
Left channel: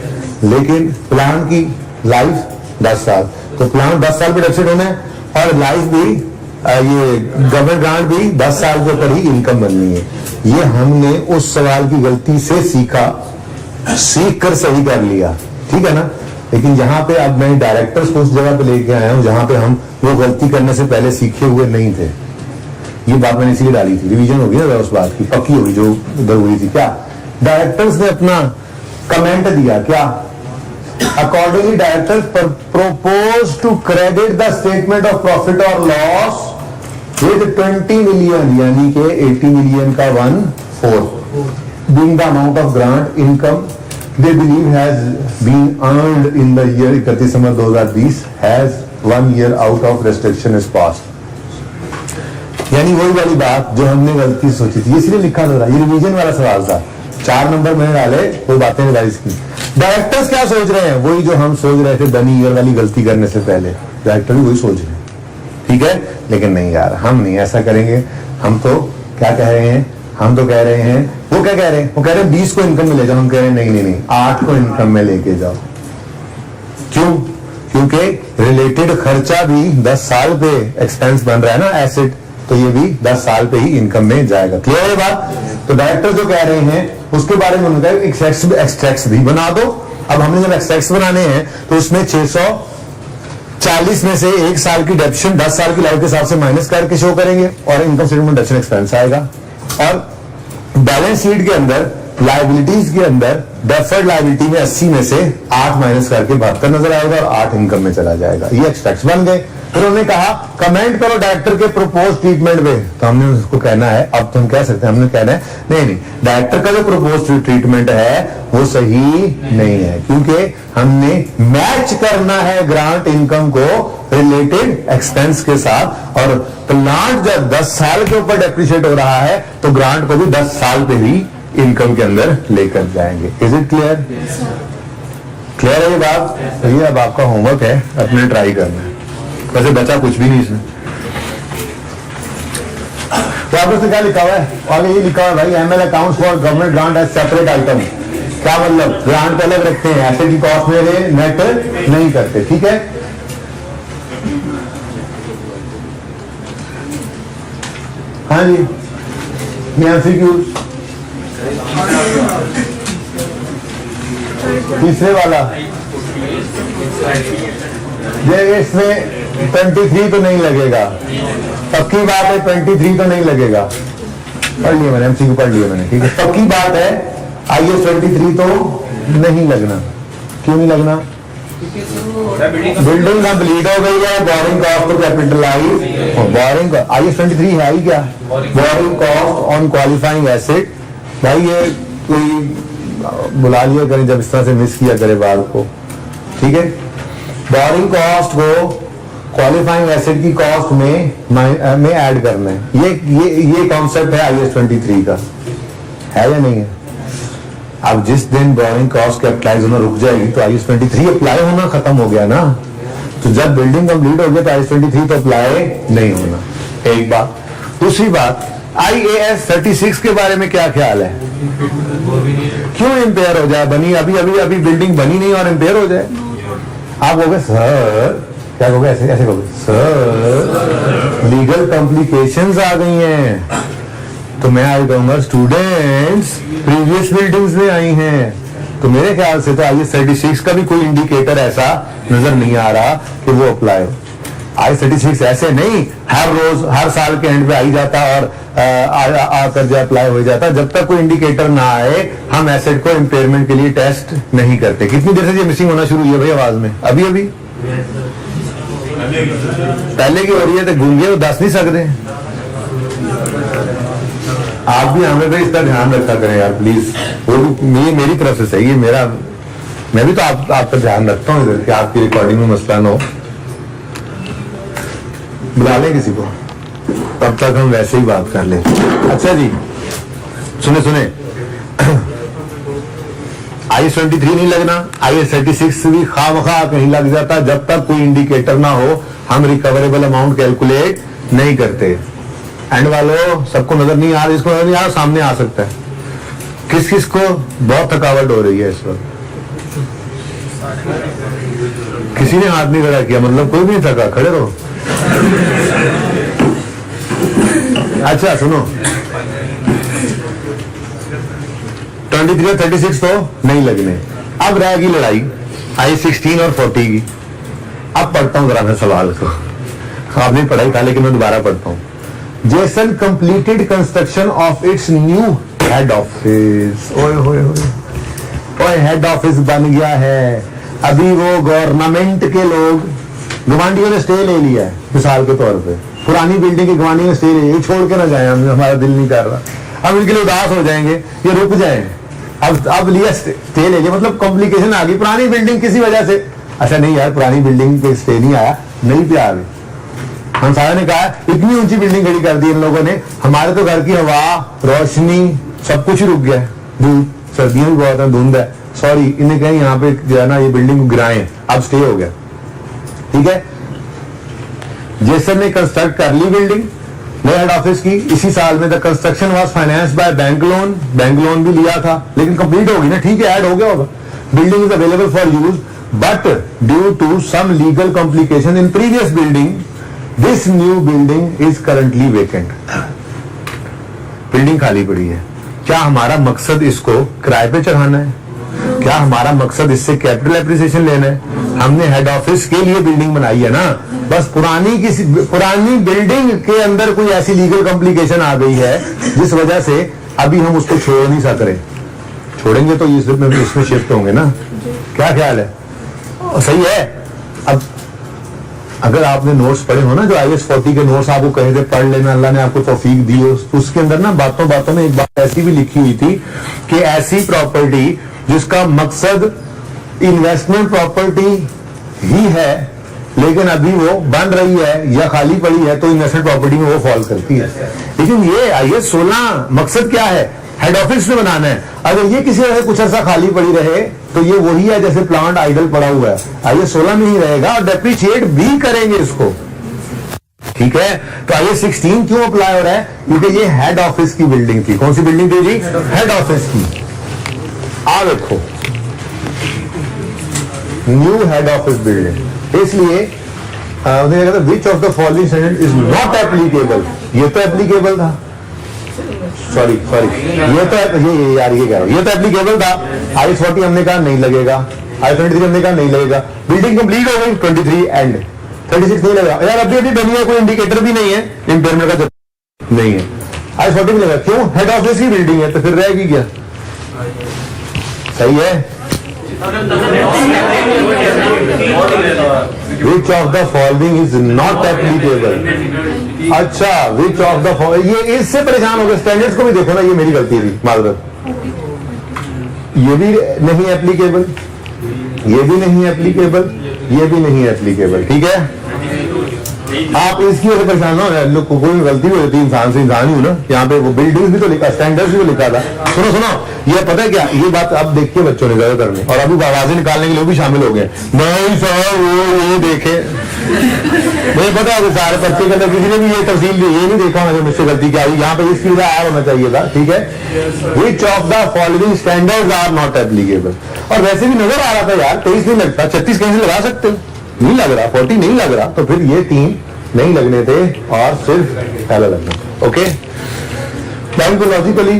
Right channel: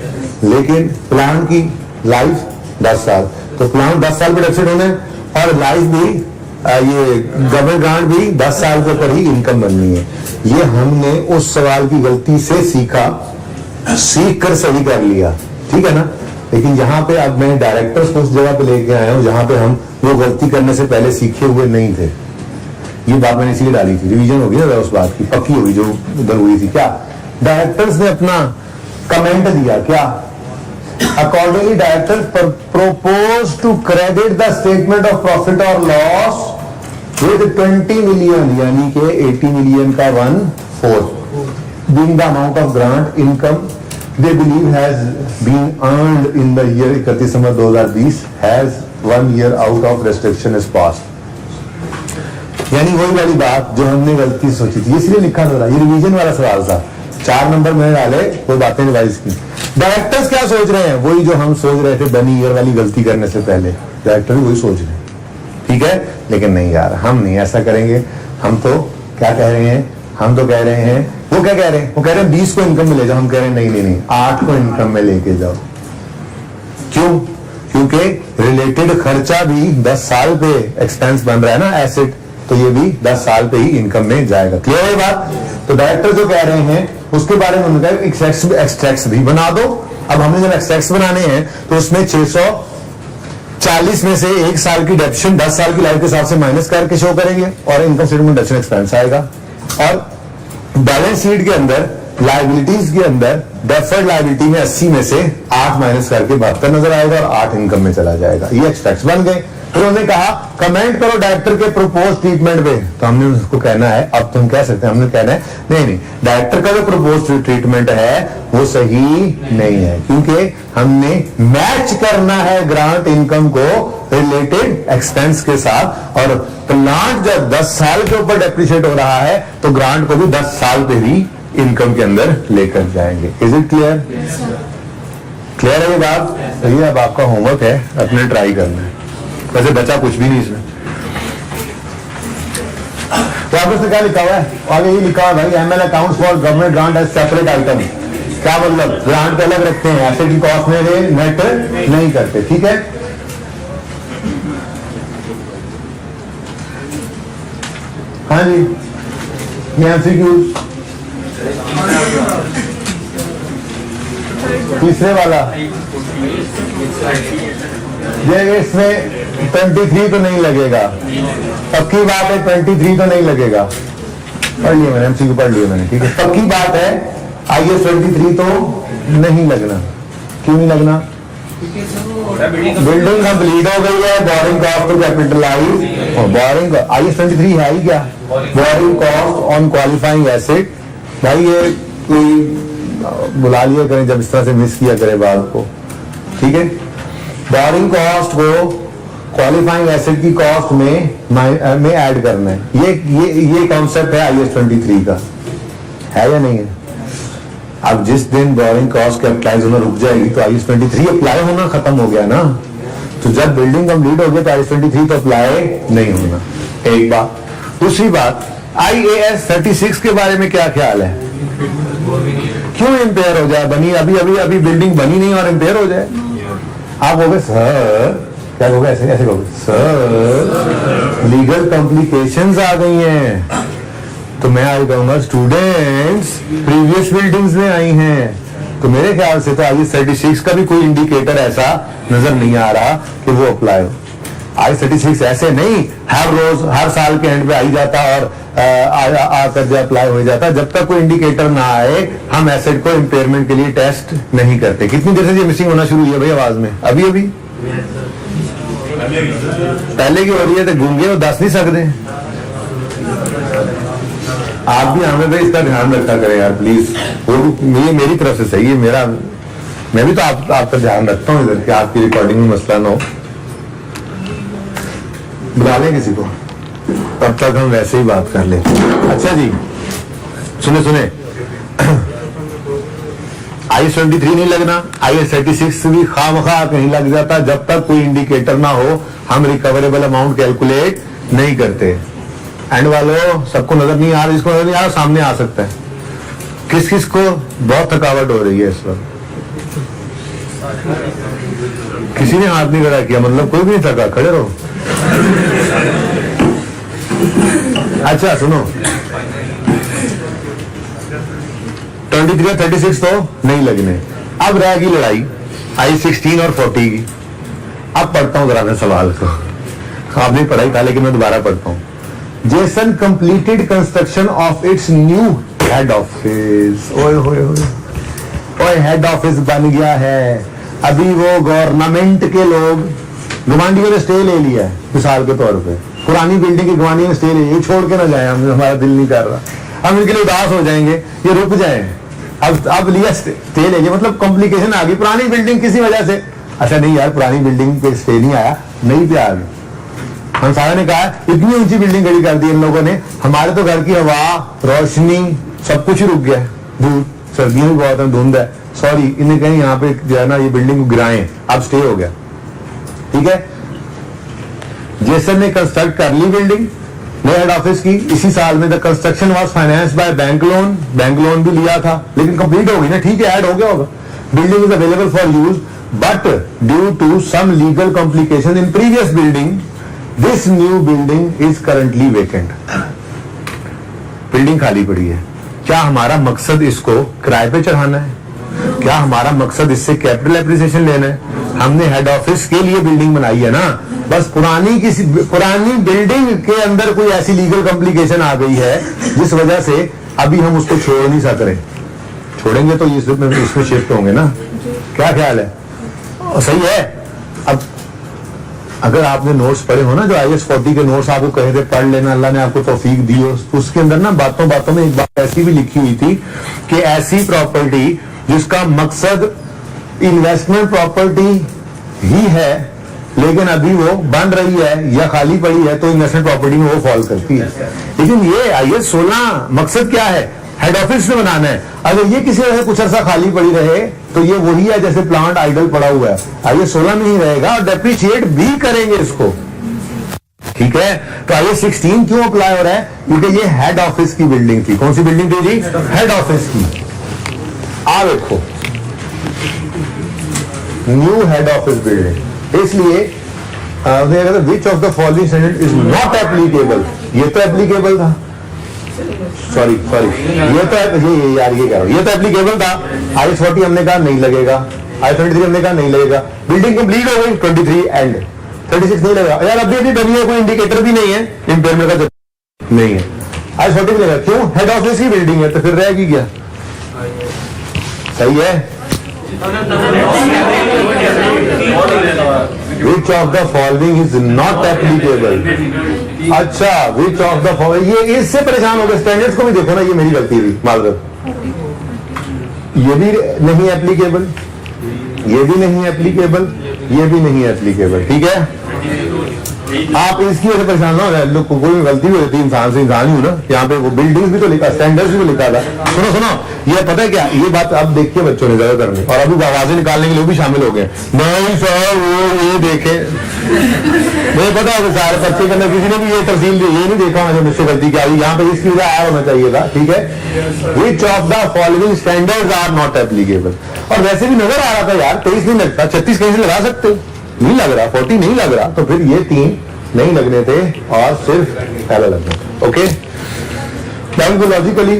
लेकिन प्लान की लाइफ 10 साल, तो प्लान 10 साल पे डेफिसिट होने और लाइफ भी ये गवर्नमेंट ग्रांट भी 10 साल के ऊपर ही इनकम बननी है। ये हमने उस सवाल की गलती से सीखा, सीख कर सही कर लिया, ठीक है ना। लेकिन जहां पे अब मैं डायरेक्टर्स को उस जगह पे लेके आया हूं जहां पे हम वो गलती करने से पहले सीखे हुए नहीं थे। ये बात मैंने इसलिए डाली थी, रिवीजन होगी ना उस बात की, पक्की होगी जो उधर हुई थी। क्या डायरेक्टर्स ने अपना कमेंट दिया, क्या accordingly directors propose to credit the statement of profit or loss with 20 million, यानी कि 80 million का 1/4 being the amount of grant income they believe has been earned in the year 31 December 2020 has 1 year out of restriction is passed। यानी वही वाली बात जो हमने गलती सोची थी, इसलिए लिखा था, ये रिवीजन वाला सवाल था, 4 नंबर मैंने डाले, वो बातें रिवाइज की। डायरेक्टर्स क्या सोच रहे हैं, वही जो हम सोच रहे थे बनी ईयर वाली गलती करने से पहले, डायरेक्टर भी वही सोच रहे हैं, ठीक है। लेकिन नहीं यार, हम नहीं ऐसा करेंगे। हम तो क्या कह रहे हैं, हम तो कह रहे हैं, वो क्या कह रहे हैं, वो कह रहे हैं 20 को इनकम में ले जाओ, हम कह रहे हैं नहीं नहीं नहीं 8 को इनकम में लेके जाओ। क्यों? क्योंकि रिलेटेड खर्चा भी 10 साल पे एक्सपेंस बन रहा है ना, एसेट, तो ये भी 10 साल पे ही इनकम में जाएगा। क्लियर है बात? तो डायरेक्टर जो कह रहे हैं उसके बारे में उन्होंने कहा एक्सट्रैक्ट्स भी बना दो। अब हमने जब एक्सट्रैक्ट्स बनाने हैं तो उसमें 640 में से 1 साल की डेप्शन 10 साल की लाइफ के हिसाब से माइनस करके शो करेंगे और इनकम स्टेटमेंट डेप्शन एक्सपेंस आएगा। और बैलेंस शीट के अंदर लाइबिलिटीज के अंदर डेफर्ड लाइबिलिटी में 80 में से 8 माइनस करके 72 नजर आएगा और 8 इनकम में चला जाएगा। ये एक्सट्रैक्ट्स बन गए। फिर उन्होंने कहा कमेंट करो डायरेक्टर के प्रपोज ट्रीटमेंट पे, तो हमने उसको कहना है, अब तुम कह सकते हैं, हमने कहना है नहीं नहीं डायरेक्टर का जो प्रपोज ट्रीटमेंट है वो सही नहीं है, क्योंकि हमने मैच करना है ग्रांट इनकम को रिलेटेड एक्सपेंस के साथ। और प्लांट जब 10 साल के ऊपर डेप्रिशिएट हो रहा है तो ग्रांट को भी 10 साल पे ही इनकम के अंदर लेकर जाएंगे। Is it clear? क्लियर है ये बात? ये अब आपका होमवर्क है, अपने ट्राई करना है, वैसे बचा कुछ भी नहीं इसमें। वापस से क्या लिखा हुआ है, आगे ये लिखा हुआ है भाई ML accounts for government grant as separate item. क्या मतलब, ग्रांट को अलग रखते हैं, एसेट की कॉस्ट में नेट नहीं करते, ठीक है। हाँ जी, ये एमसीक्यूज तीसरे वाला, ये इसमें 23 तो नहीं लगेगा, पक्की बात है 23 तो नहीं लगेगा, पढ़ लिया मैंने, एमसीक्यू पढ़ लिया मैंने, ठीक है। पक्की बात है आईएएस 23 तो नहीं लगना। क्यों नहीं लगना? बिल्डिंग कंप्लीट हो गई है, borrowing cost to capitalize, borrowing IAS 23 है ही क्या, borrowing cost on qualifying asset. भाई ये कोई बुला लिया करें जब इस तरह से मिस किया करे बात को, ठीक है। बोरिंग कॉस्ट को क्वालिफाइंग एसेट की कॉस्ट में ऐड करना है, ये कॉन्सेप्ट है आईएएस 23 का, है या नहीं है? अब जिस दिन बोरिंग कॉस्ट कैपिटलाइज होना रुक जाएगी तो आईएएस 23 अप्लाई होना खत्म हो गया ना। तो जब बिल्डिंग कंप्लीट हो गया तो आईएएस 23 तो अप्लाई नहीं होना, एक बात। दूसरी बात, आईएएस 36 के बारे में क्या ख्याल है? क्यों इंपेयर हो जाए, बनी अभी बिल्डिंग बनी नहीं और इंपेयर हो जाए? आप कहोगे सर, क्या कहोगे, ऐसे कहोगे सर लीगल कॉम्प्लिकेशंस आ गई हैं। तो मैं आई कहूंगा स्टूडेंट्स प्रीवियस बिल्डिंग्स में आई हैं, तो मेरे ख्याल से तो आईएएस 36 का भी कोई इंडिकेटर ऐसा नजर नहीं आ रहा कि वो अप्लाई हो। आईएएस 36 ऐसे नहीं हर रोज हर साल के एंड पे आई जाता और आकर जो अप्लाई हो जाता, जब तक कोई इंडिकेटर ना आए हम एसेट को इंपेयरमेंट के लिए टेस्ट नहीं करते। कितनी देर से ये मिसिंग होना शुरू हुई है भाई आवाज में? अभी पहले की हो रही है, तो गूंगे वो दस नहीं सकते। आप भी हमें भाई इसका ध्यान रखा करें यार प्लीज, वो भी मेरी तरफ से सही है, मेरा मैं भी तो आपका ध्यान रखता हूँ इधर कि आपकी रिकॉर्डिंग में मसला ना हो। बुला लें किसी को, तब तक हम वैसे ही बात कर लें। अच्छा जी, सुने IS 23 नहीं लगना, IS 36 भी खामखा कहीं लग जाता, जब तक कोई इंडिकेटर ना हो हम रिकवरेबल अमाउंट कैलकुलेट नहीं करते। एंड वालों सबको नजर नहीं आ रहा, जिसको नजर नहीं आ रहा सामने आ सकता है। किस किस को बहुत थकावट हो रही है इस वक्त? किसी ने हाथ नहीं खड़ा किया, मतलब कोई भी नहीं थका, खड़े रहो। अच्छा सुनो, 23 और 36 तो नहीं लगने। अब रहेगी लड़ाई IS 16 और 40 की। अब पढ़ता हूं जरा मैं सवाल को, आपने पढ़ाई था लेकिन मैं दोबारा पढ़ता हूं। Jason completed construction of its new head office. ओए होए ओए, हेड ऑफिस बन गया है। अभी वो गवर्नमेंट के लोग, गवांडियों ने स्टे ले लिया है मिसाल के तौर पे, पुरानी बिल्डिंग की गवांडियों ने स्टे ले लिया, छोड़ के ना जाए, हमारा दिल नहीं कर रहा, हम इनके लिए उदास हो जाएंगे, ये रुक जाए। अब लिया स्टे ले लिया, मतलब कॉम्प्लिकेशन आ गई। पुरानी बिल्डिंग किसी वजह से, अच्छा नहीं यार पुरानी बिल्डिंग पे स्टे नहीं आया, नहीं पे आ गई। हम सारे ने कहा इतनी ऊंची बिल्डिंग खड़ी कर दी इन लोगों ने, हमारे तो घर की हवा, रोशनी सब कुछ ही रुक गया है। धूप, सर्दियां भी बहुत है, धुंध है, सॉरी इन्हें कहें यहाँ पे जो है ना ये बिल्डिंग को गिराएं, अब स्टे हो गया। ठीक है, जेसन ने कंस्ट्रक्ट कर ली बिल्डिंग नए हेड ऑफिस की इसी साल में। The construction was financed by bank loan भी लिया था, लेकिन कंप्लीट हो गई ना, ठीक है, ऐड हो गया होगा। Building is available for use but due to some legal complication in previous building this new building is currently vacant. Building खाली पड़ी है। क्या हमारा मकसद इसको किराए पे चढ़ाना है? क्या हमारा मकसद इससे कैपिटल एप्रिसिएशन लेना है? हमने हेड ऑफिस के लिए बिल्डिंग बनाई है ना, बस पुरानी बिल्डिंग के अंदर कोई ऐसी लीगल कॉम्प्लिकेशन आ गई है जिस वजह से अभी हम उसको छोड़ नहीं सक रहे। छोड़ेंगे तो इसमें शिफ्ट होंगे ना, क्या ख्याल है? सही है। अब अगर आपने नोट्स पढ़े हो ना, जो IS 40 के नोट्स आपको कहे थे पढ़ लेना, अल्लाह ने आपको तौफीक दी हो, तो उसके अंदर ना बातों बातों में एक बात ऐसी भी लिखी हुई थी कि ऐसी प्रॉपर्टी जिसका मकसद इन्वेस्टमेंट प्रॉपर्टी ही है लेकिन अभी वो बन रही है या खाली पड़ी है, तो इन्वेस्टमेंट प्रॉपर्टी में वो फॉल करती है। लेकिन ये IS 16 मकसद क्या है? हेड ऑफिस में बनाना है। अगर ये किसी वजह से कुछ अर्सा खाली पड़ी रहे तो ये वही है जैसे प्लांट आइडल पड़ा हुआ है, IS 16 में ही रहेगा और डेप्रिशिएट भी करेंगे इसको। ठीक है, तो IS 16 क्यों अप्लाई हो रहा है? क्योंकि ये हेड ऑफिस की बिल्डिंग थी। कौन सी बिल्डिंग थी जी? हेड ऑफिस की। आ देखो, न्यू हेड ऑफिस बिल्डिंग, इसलिए विच of the following standard is not applicable. ये तो एप्लीकेबल था, सॉरी ये तो ये यार ये कह रहा हूं, ये तो एप्लीकेबल था। IS 40 हमने कहा नहीं लगेगा, IS 23 हमने कहा नहीं लगेगा। बिल्डिंग कंप्लीट हो गई, 23 एंड 36 नहीं लगेगा। यार अभी बनी है, कोई इंडिकेटर भी नहीं है, इम्पेयरमेंट का नहीं है। IS 40 भी लगेगा, क्यों? हेड ऑफिस की बिल्डिंग है, तो फिर रहेगी क्या? सही है। Which of the following is not applicable. अच्छा, विच ऑफ द फॉलोइंग, ये इससे परेशान हो गए। स्टैंडर्ड्स को भी देखो ना, ये मेरी गलती थी, माजरत। ये भी नहीं एप्लीकेबल, ये भी नहीं एप्लीकेबल, ये भी नहीं एप्लीकेबल। ठीक है, आप इसकी वजह से परेशान ना हो, लोग कोई गलती भी होती है, इंसान से इंसान ही हो ना। यहाँ पे वो बिल्डिंग भी तो लिखा, स्टैंडर्ड्स भी तो लिखा था। सुनो ये पता है क्या, ये बात अब देख के बच्चों ने ज्यादातर में, और अभी आवाजें निकालने के लिए भी शामिल हो गए। नहीं सर वो ये देखे, मुझे पता है सारे बच्चे के अंदर किसी ने भी ये तफसील ये नहीं देखा मैंने, मुझसे गलती क्या हुई। यहाँ पे इसकी वजह आया होना चाहिए था। ठीक है, which of the following standards are not applicable. और वैसे भी नजर आ रहा था यार, 23 नहीं लगता, 36 कहीं से लगा सकते, नहीं लग रहा, 40 नहीं लग रहा, तो फिर ये 3 नहीं लगने थे और सिर्फ पहला लगना था। ओके, टाइम को लॉजिकली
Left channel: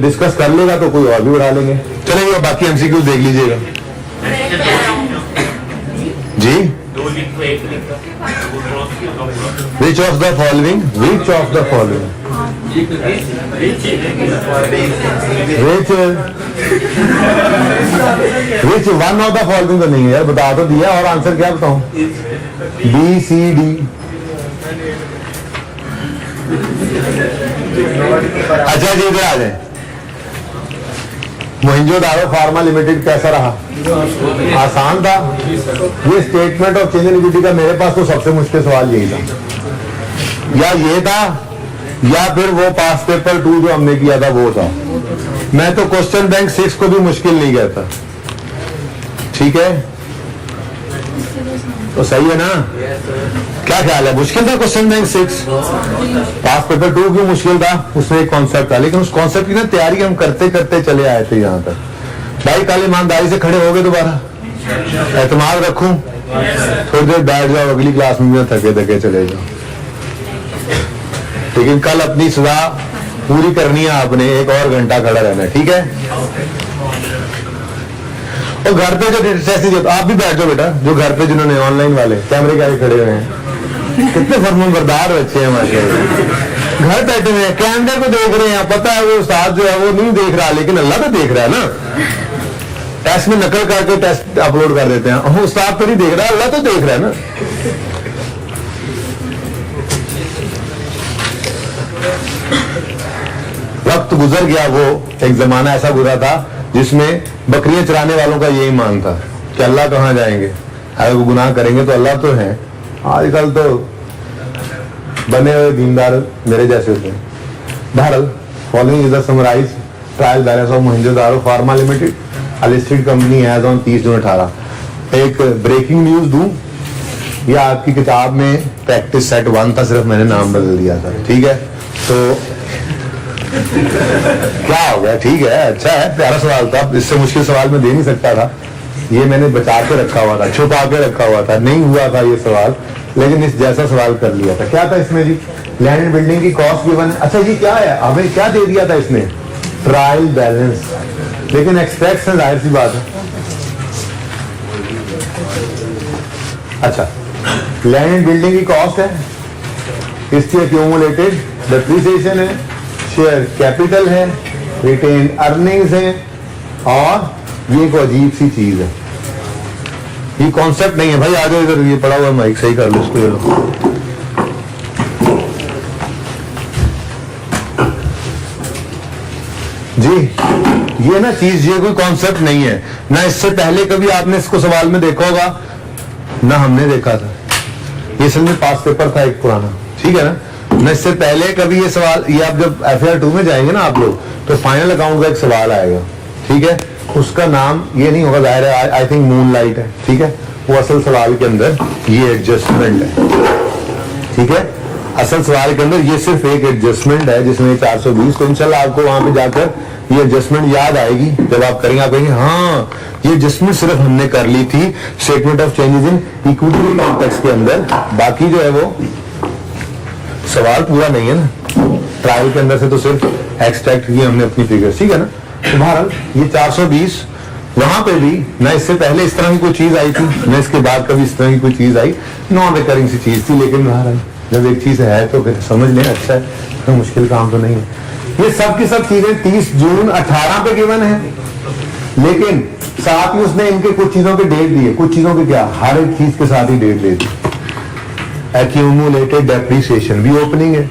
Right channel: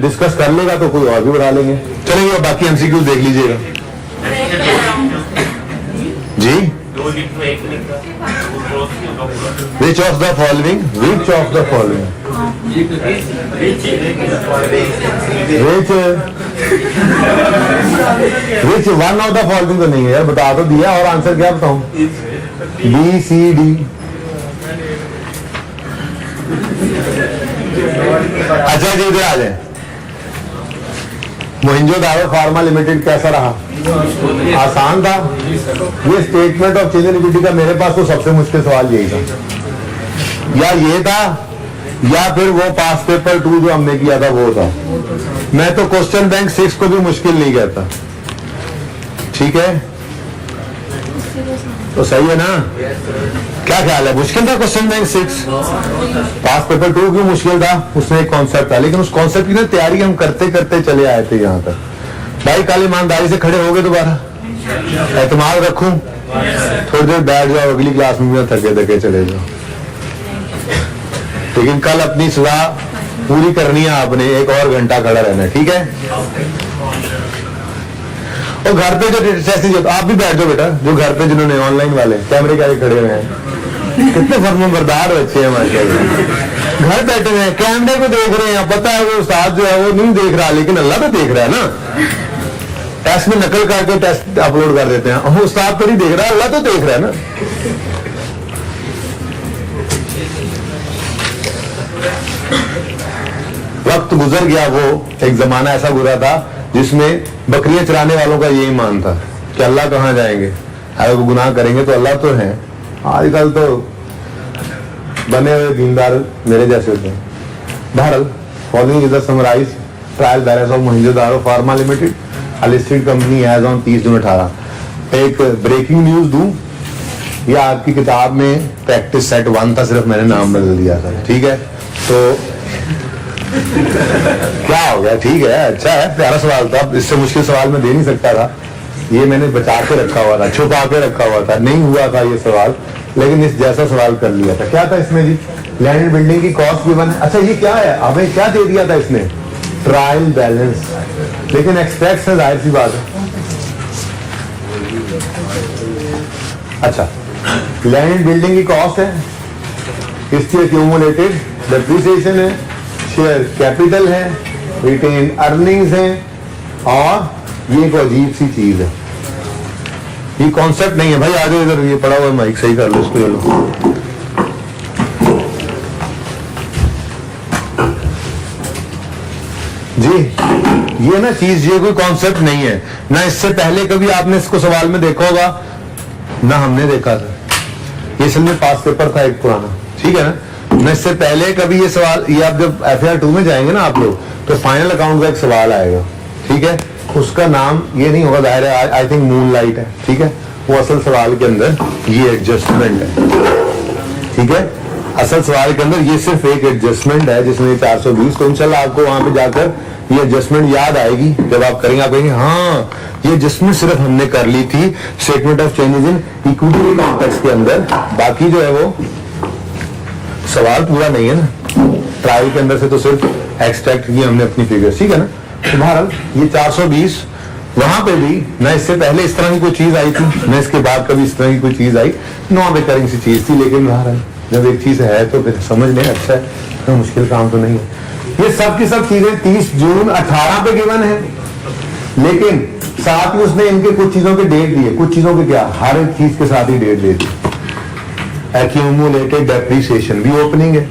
डिस्कस कर लेगा तो कोई और भी बढ़ा लेंगे, चलेंगे। बाकी MCQ देख लीजिएगा जी। Which of the following, which of the following, which one of the following तो नहीं है यार, बता तो दिया, और आंसर क्या बताऊं? BCD। अच्छा जी, इधर आ जाए। मोहिंजोदारो फार्मा लिमिटेड कैसा रहा? आसान था। ये statement of change in equity का मेरे पास तो सबसे मुश्किल सवाल यही था, या ये था या फिर वो पास पेपर 2 जो हमने किया था वो था। मैं तो क्वेश्चन बैंक 6 को भी मुश्किल नहीं कहता, ठीक है? तो सही है ना? क्या ख्याल है, मुश्किल था क्वेश्चन बैंक 6? पास पेपर 2 क्यों मुश्किल था? उसमें एक कॉन्सेप्ट था, लेकिन उस कॉन्सेप्ट की ना तैयारी हम करते करते चले आए थे यहाँ तक। भाई कल ईमानदारी से खड़े हो गए, दोबारा एतमाद रखूं, थोड़ी देर बैठ जाओ, अगली क्लास में थके थके चले जाओ, लेकिन कल अपनी सजा पूरी करनी है आपने, 1 और घंटा खड़ा रहना है, ठीक है? और घर पे जो जैसे आप भी बैठ जाओ बेटा, जो घर पे जिन्होंने ऑनलाइन वाले कैमरे के आगे खड़े हुए हैं, कितने फर्मबरदार बच्चे हैं हमारे, घर बैठे हुए हैं, कैमरे को देख रहे हैं, पता है वो उस्ताद जो है वो नहीं देख रहा, लेकिन अल्लाह तो देख रहा है ना। टेस्ट में नकल करके टेस्ट अपलोड कर देते हैं, हम उस्ताद तो नहीं देख रहा, अल्लाह तो देख रहा है ना। वक्त गुजर गया, वो एक जमाना ऐसा गुजरा था जिसमें बकरियां चराने वालों का यही मान था कि अल्लाह कहाँ जाएंगे, अगर वो गुनाह करेंगे तो अल्लाह तो है। आजकल तो बने हुए दीनदार मेरे जैसे होते हैं। बहरहाल, following is the summarise trial balance of Mohenjodaro pharma limited, a listed company as on 30 June 18। एक ब्रेकिंग न्यूज दूं, या आपकी किताब में प्रैक्टिस सेट 1 था, सिर्फ मैंने नाम बदल दिया था, ठीक है? तो क्या हो गया, ठीक है, अच्छा है, प्यारा सवाल था, इससे मुश्किल सवाल मैं दे नहीं सकता था, ये मैंने बचा के रखा हुआ था, छुपा के रखा हुआ था, नहीं हुआ था ये सवाल, लेकिन इस जैसा सवाल कर लिया था। क्या था इसमें जी? लैंड एंड बिल्डिंग की कॉस्ट गिवन है। अच्छा ये क्या है, हमें क्या दे दिया था इसने? ट्रायल बैलेंस, लेकिन एक्सपेक्ट है, जाहिर सी बात है। अच्छा, लैंड एंड बिल्डिंग की कॉस्ट है, इसकी एक्यूमुलेटेड डेप्रिसिएशन है, शेयर कैपिटल है, रिटेन अर्निंग्स है, और ये एक अजीब सी चीज है, ये कॉन्सेप्ट नहीं है भाई। आ जाओ इधर, ये पड़ा हुआ माइक सही कर लो इसको, ये लो। जी ये ना चीज, ये कोई कॉन्सेप्ट नहीं है ना, इससे पहले कभी आपने इसको सवाल में देखा होगा ना, हमने देखा था, ये असल में पास पेपर था एक पुराना, ठीक है ना? ना इससे पहले कभी ये सवाल, ये आप जब FAR 2 में जाएंगे ना आप लोग, तो फाइनल अकाउंट का एक सवाल आएगा, ठीक है? उसका नाम ये नहीं होगा, जाहिर है, आई थिंक मूनलाइट है, ठीक है? वो असल सवाल के अंदर ये एडजस्टमेंट है, ठीक है? असल सवाल के अंदर ये सिर्फ एक एडजस्टमेंट है जिसमें 420, तो इंशाल्लाह आपको वहां पे जाकर ये एडजस्टमेंट याद आएगी, जब आप करेंगे आप कहेंगे हाँ ये एडजस्टमेंट सिर्फ हमने कर ली थी statement of changes in equity context के अंदर, बाकी जो है वो सवाल पूरा नहीं है ना, ट्रायल के अंदर से तो सिर्फ एक्सट्रैक्ट किए हमने अपनी फिगर्स, ठीक है ना? तो बहरहाल ये 420 वहां पे भी ना इससे पहले इस तरह की कोई चीज आई थी, ना इसके बाद कभी इस तरह की कोई चीज आई, नॉन रिकरिंग सी चीज थी, लेकिन बहरहाल जब एक चीज है तो फिर समझ लें, अच्छा है, तो मुश्किल काम तो नहीं है। ये सब की सब चीजें 30 जून 18 पे गिवन है, लेकिन साथ ही उसने इनके कुछ चीजों के डेट दिए, कुछ चीजों के क्या, हर एक चीज के साथ ही डेट दे दी। एक्यूमुलेटेड डेप्रिसिएशन भी ओपनिंग है,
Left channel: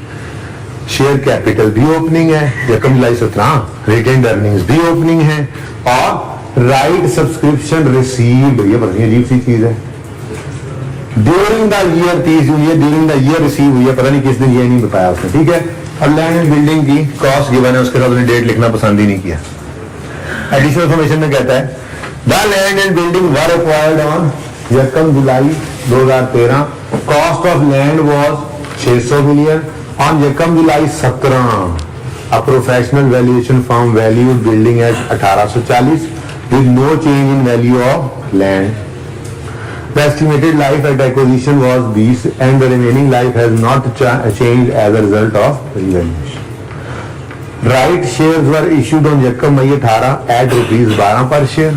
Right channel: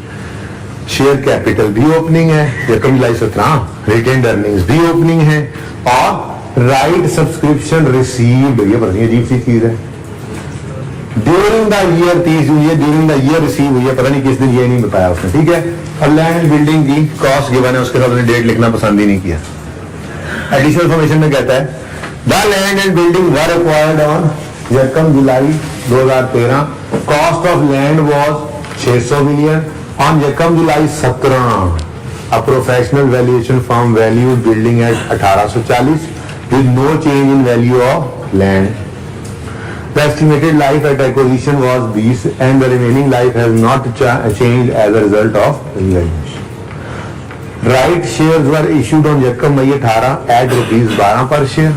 शेयर कैपिटल भी ओपनिंग है, रकम जुलाई 17, रिटेन्ड अर्निंग्स भी ओपनिंग है, और राइट सब्सक्रिप्शन रिसीव्ड, ये बड़ी अजीब सी चीज है, ड्यूरिंग द ईयर 30 जून, ये ड्यूरिंग द ईयर रिसीव हुई है, पता नहीं किस दिन, ये नहीं बताया उसने, ठीक है? और लैंड एंड बिल्डिंग की कॉस्ट गिवन है, उसके साथ उसने डेट लिखना पसंद ही नहीं किया। एडिशनल इन्फॉर्मेशन में कहता है the land and building were acquired on 1 July 2013, cost of land was 600 million, on 1 July 17 a professional valuation firm valued building at 1840 with no change in value of land. The estimated life at acquisition was 20 and the remaining life has not changed as a result of revaluation. Right shares were issued on 1 May 18 at ₹12 per share.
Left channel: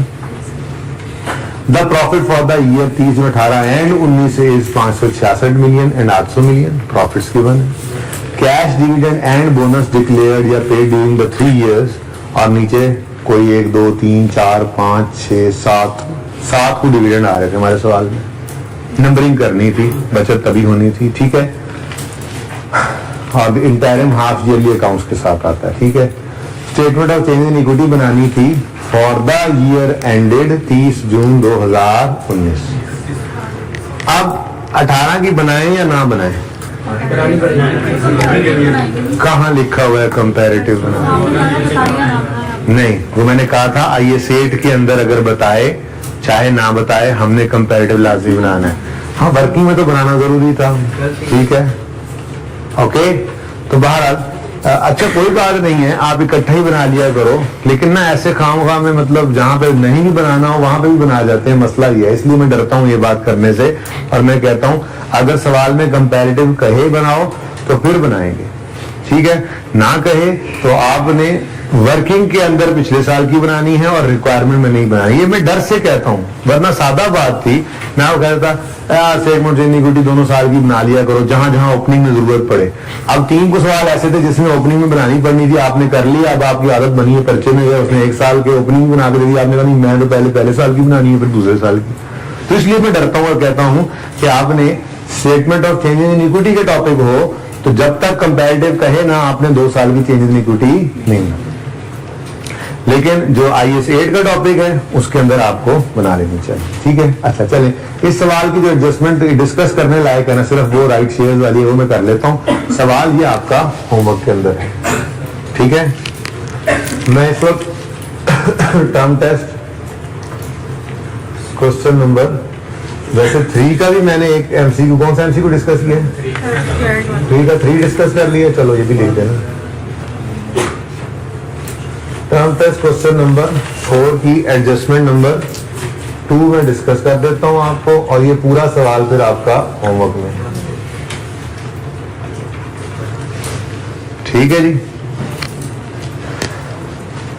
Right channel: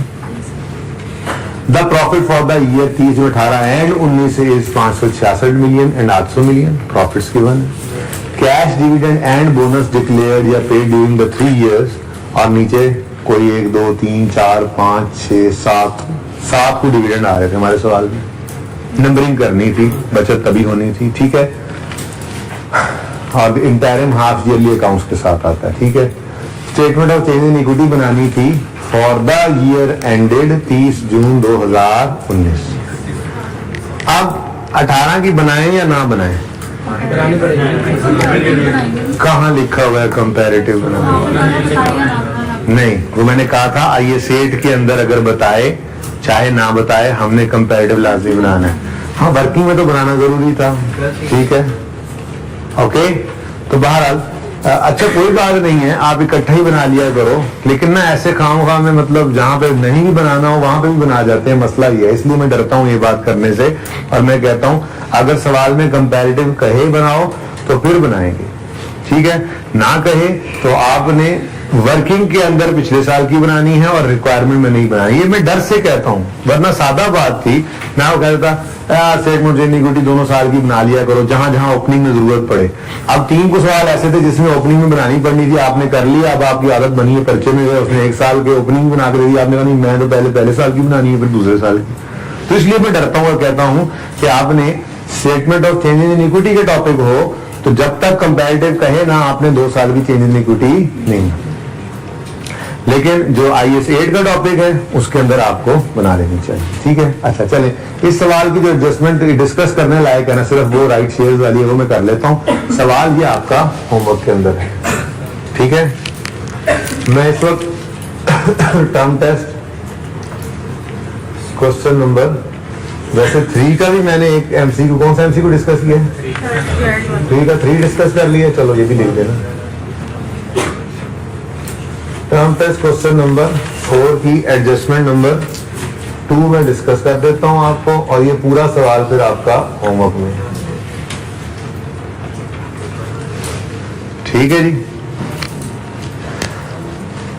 The profit for the year 30-18 and 19 is 566 million and 800 million. Profits given. Cash dividend and bonus declared या paid during the 3 years. और नीचे कोई 1, 2, 3, 4, 5, 6, 7 को dividend आ रहे थे हमारे सवाल में, नंबरिंग करनी थी, बचत तभी होनी थी, ठीक है? और इंटरिम हाफ ईयरली अकाउंट्स के साथ आता है, ठीक है? Statement of change in equity बनानी थी फॉर द ईयर एंडेड 30 जून 2019। अब 18 की बनाएं या ना बनाएं? कहाँ लिखा हुआ है कंपैरेटिव बनाना? नहीं, वो मैंने कहा था IS8 के अंदर अगर बताए चाहे ना बताए हमने कंपैरेटिव लाजमी बनाना है। हाँ, वर्किंग में तो बनाना जरूरी था, ठीक है, ओके। तो बहरहाल अच्छा कोई बात नहीं है, आप इकट्ठा ही बना लिया करो, लेकिन ना ऐसे खाऊंगा में मतलब जहाँ पे नहीं भी बनाना हो वहां पे भी बना जाते हैं, मसला ये है। इसलिए मैं डरता हूँ ये बात करने से, और मैं कहता हूँ अगर सवाल में कंपैरेटिव कहे बनाओ तो फिर बनाएंगे, ठीक है, ना कहे तो आपने वर्किंग के अंदर पिछले साल की बनानी है और रिक्वायरमेंट में नहीं बनानी। ये मैं डर से कहता हूँ, वरना सादा बात थी, मैं वो कहता यार स्टेटमेंट इक्विटी दोनों साल की बना लिया करो जहां जहां ओपनिंग में जरूरत पड़े। अब 3 को सवाल ऐसे थे जिसमें ओपनिंग में बनानी पड़नी थी, आपने कर लिया, अब आपकी आदत बनी है, पर्चे में गए, उसने 1 साल के ओपनिंग बना के दी, आपने कहा नहीं मैं तो पहले साल की बनानी है फिर दूसरे साल की। तो इसलिए मैं डरता हूँ और कहता हूँ कि आपने statement of change in equity के टॉपिक हो तो जब तक कंपैरेटिव कहे ना आपने 2 साल की चेंज इन इक्विटी नहीं, लेकिन जो IS8 का टॉपिक है उसके अंदर आपको बना लेनी चाहिए, ठीक है। अच्छा चलें, इस सवाल की जो एडजस्टमेंट डिस्कस करने लायक है ना, सिर्फ वो राइट शेयर्स वाली है वो मैं कर लेता हूँ। सवाल ये आपका होमवर्क के अंदर है, ठीक है। मैं इस वक्त टर्म टेस्ट क्वेश्चन नंबर वैसे 3 का भी मैंने एक MCQ, कौन सा MCQ डिस्कस किया? 3 का 3 डिस्कस कर लिया, चलो ये भी लिख देना। टर्म टेस्ट क्वेश्चन नंबर 4 की एडजस्टमेंट नंबर 2 में डिस्कस कर देता हूं आपको, और ये पूरा सवाल फिर आपका होमवर्क में, ठीक है जी।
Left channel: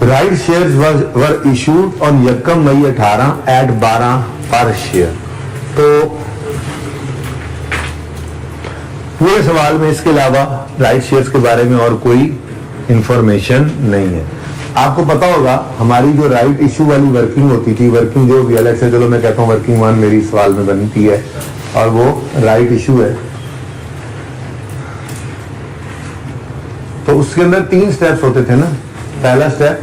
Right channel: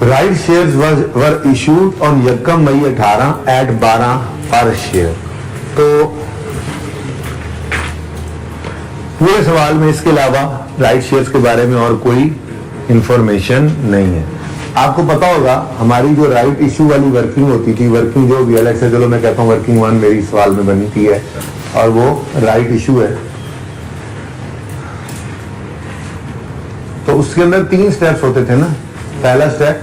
Right shares were issued on 1 May 18 at 12 per share. तो पूरे सवाल में इसके अलावा राइट शेयर्स के बारे में और कोई इंफॉर्मेशन नहीं है। आपको पता होगा हमारी जो राइट इशू वाली वर्किंग होती थी, वर्किंग जो भी अलग से, चलो मैं कहता हूँ वर्किंग 1 मेरी सवाल में बनी थी है, और वो राइट इशू है, तो उसके अंदर 3 स्टेप्स होते थे ना। पहला step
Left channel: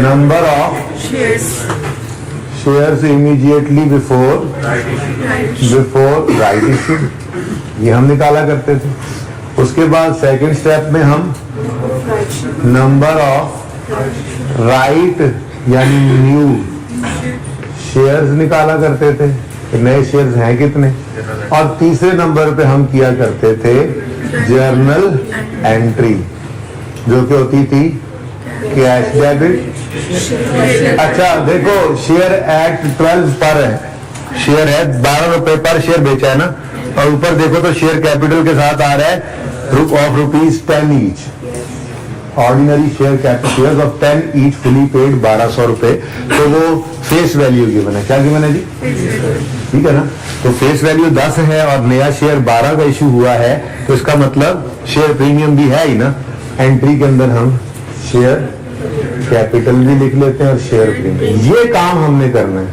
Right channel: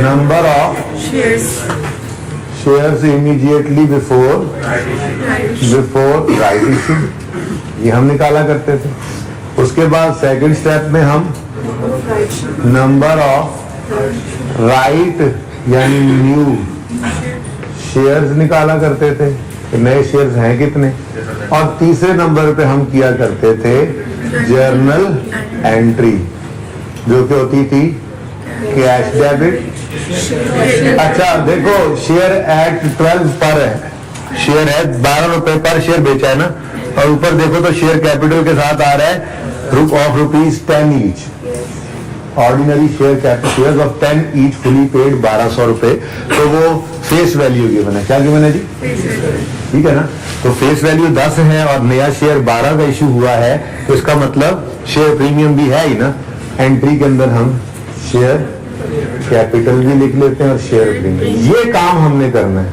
number of shares immediately before right issue, ये हम निकाला करते थे। उसके बाद सेकंड स्टेप में हम नंबर ऑफ राइट यानी न्यू शेयर्स निकाला करते थे कि नए शेयर्स हैं कितने, और तीसरे नंबर पे हम किया करते थे जर्नल एंट्री जो कि होती थी कैश डेबिट। अच्छा देखो, शेयर एक्ट 12 पर है, शेयर है 12 रुपए पर शेयर बेचा है ना, और ऊपर देखो तो शेयर कैपिटल के साथ आ रहा है of ₹10 each, ordinary share capital of 10 each fully paid 1200 रुपए। तो वो फेस वैल्यू गिवन है, क्या गिवन है जी? ठीक है ना, तो फेस वैल्यू 10 है और नया शेयर 12 का इशू हुआ है, तो इसका मतलब शेयर प्रीमियम भी है ही ना। एंट्री के अंदर हम शेयर कैपिटल भी लिख लेते हैं और शेयर प्रीमियम, ये काम हमने करना है,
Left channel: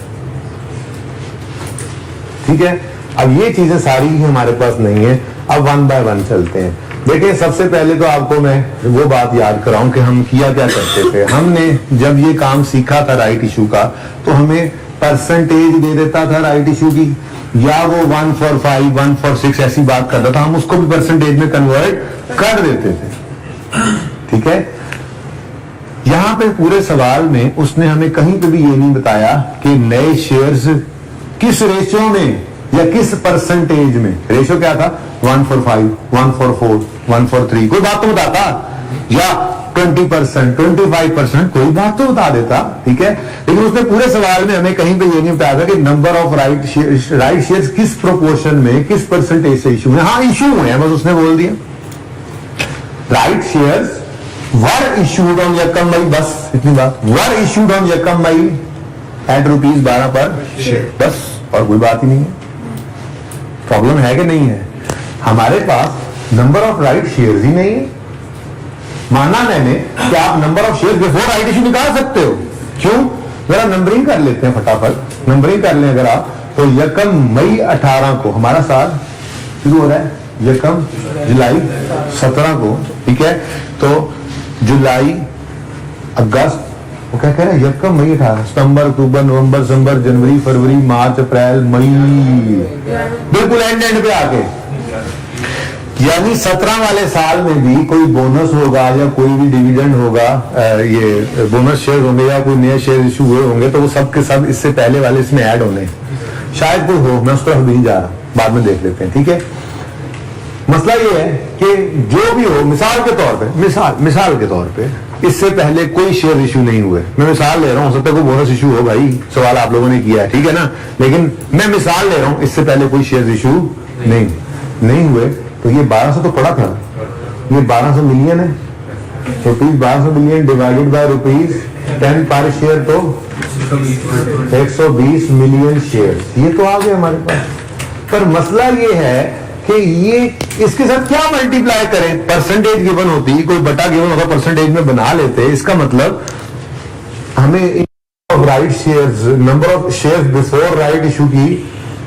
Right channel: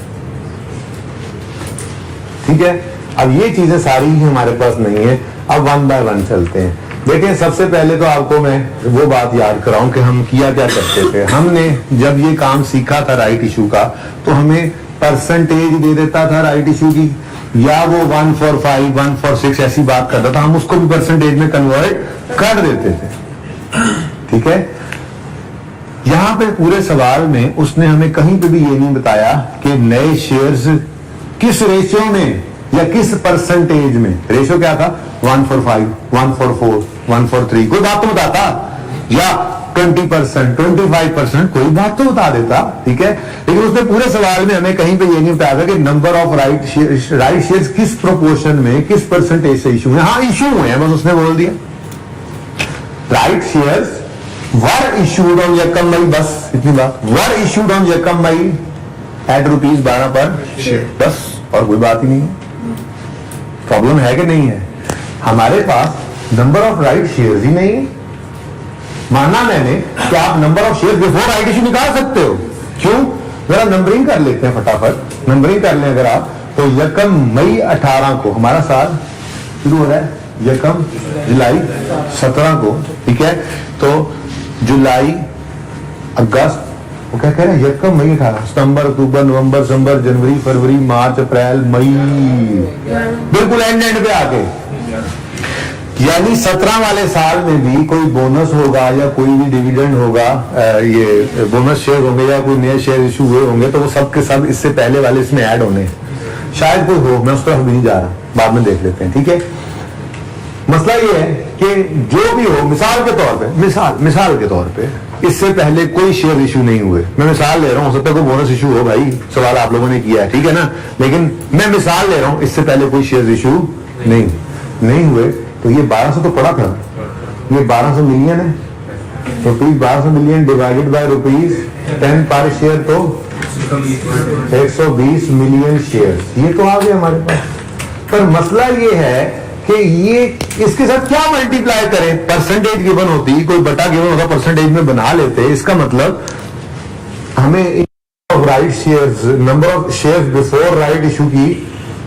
ठीक है। अब ये चीजें सारी ही हमारे पास नहीं है, अब 1 बाय 1 चलते हैं। देखिए सबसे पहले तो आपको मैं वो बात याद कराऊं कि हम किया क्या करते थे। हमने जब ये काम सीखा था राइट इशू का, तो हमें परसेंटेज दे देता था राइट इशू की, या वो 1 for 5, 1 for 6 ऐसी बात करता था, हम उसको भी परसेंटेज में कन्वर्ट कर देते थे, ठीक है। यहां पे पूरे सवाल में उसने हमें कहीं पे भी ये नहीं बताया कि नए शेयर्स किस रेशियो में या किस परसेंटेज में। रेशियो क्या था? 1 for 5, 1 for 4, 1 for 3, कोई बात तो बताता, या 20%, 25%, कोई बात तो बता देता, ठीक है। लेकिन उसने पूरे सवाल में हमें कहीं पे ये नहीं बताया था कि नंबर ऑफ राइट शेयर्स किस प्रोपोर्शन में, किस परसेंटेज से इशू है। हाँ इशू हुए हैं, बस उसने बोल दिया right shares were issued on 1 May, बस इतनी बात, were issued on 1 May at ₹12 per share, बस, और कोई बात ही नहीं है। प्रॉब्लम है कि नहीं है? हमारे पास नंबर ऑफ राइट शेयर्स ही नहीं है। माना मैंने कि आप number of shares before right issue निकाल सकते हो, क्यों? जरा नंबरिंग कर लेते हैं फटाफट, नंबरिंग कर लें अगर आप, तो 1 मई 18 को हमारा साल शुरू हो रहा है, 1 जुलाई 17 को, ठीक है। तो जुलाई, अगस्त, वो क्या कह रहे हैं, 1 मई 18, सितंबर, अक्टूबर, नवंबर, दिसंबर, जनवरी, फरवरी, मार्च, अप्रैल, मई, बिल्कुल एंड पे आके यानी 17 वाले साल में भी कोई बोनस होगा या कोई भी डिविडेंड होगा, ये बोनस शेयर होंगे या कोई नए शेयर इशू हुए होंगे, तो वो सब के सब इससे पहले वाले इसमें ऐड होने हैं। शायद कोई हो, मैं उस तरफ नहीं जा रहा, बाद में देख लेते हैं, ठीक है। मसला ये है कि जो भी हो, मिसाल के तौर पे, मिसाल के तौर पे इससे पहले कोई शेयर इशू नहीं हुए। मैं मिसाल ले रहा हूं, हो सकता है कोई बोनस इशू हो, भाई सवाल आप लोगों ने किया है, ठीक है ना, लेकिन मैं मिसाल ले रहा हूं, इससे पहले कोई शेयर इशू नहीं हुए, तो ये 1200 तो पड़ा था, ये 1200 मिलियन है, rupees 1200 million divided by rupees 10 पर शेयर, तो 120 मिलियन शेयर, ये तो आ गए हमारे पास। पर मसला ये है कि ये इसके साथ क्या मल्टीप्लाई करें, परसेंटेज गिवन होती, कोई बटा गिवन होता, परसेंटेज में बना लेते, इसका मतलब हमें right shares, number of shares before right issue की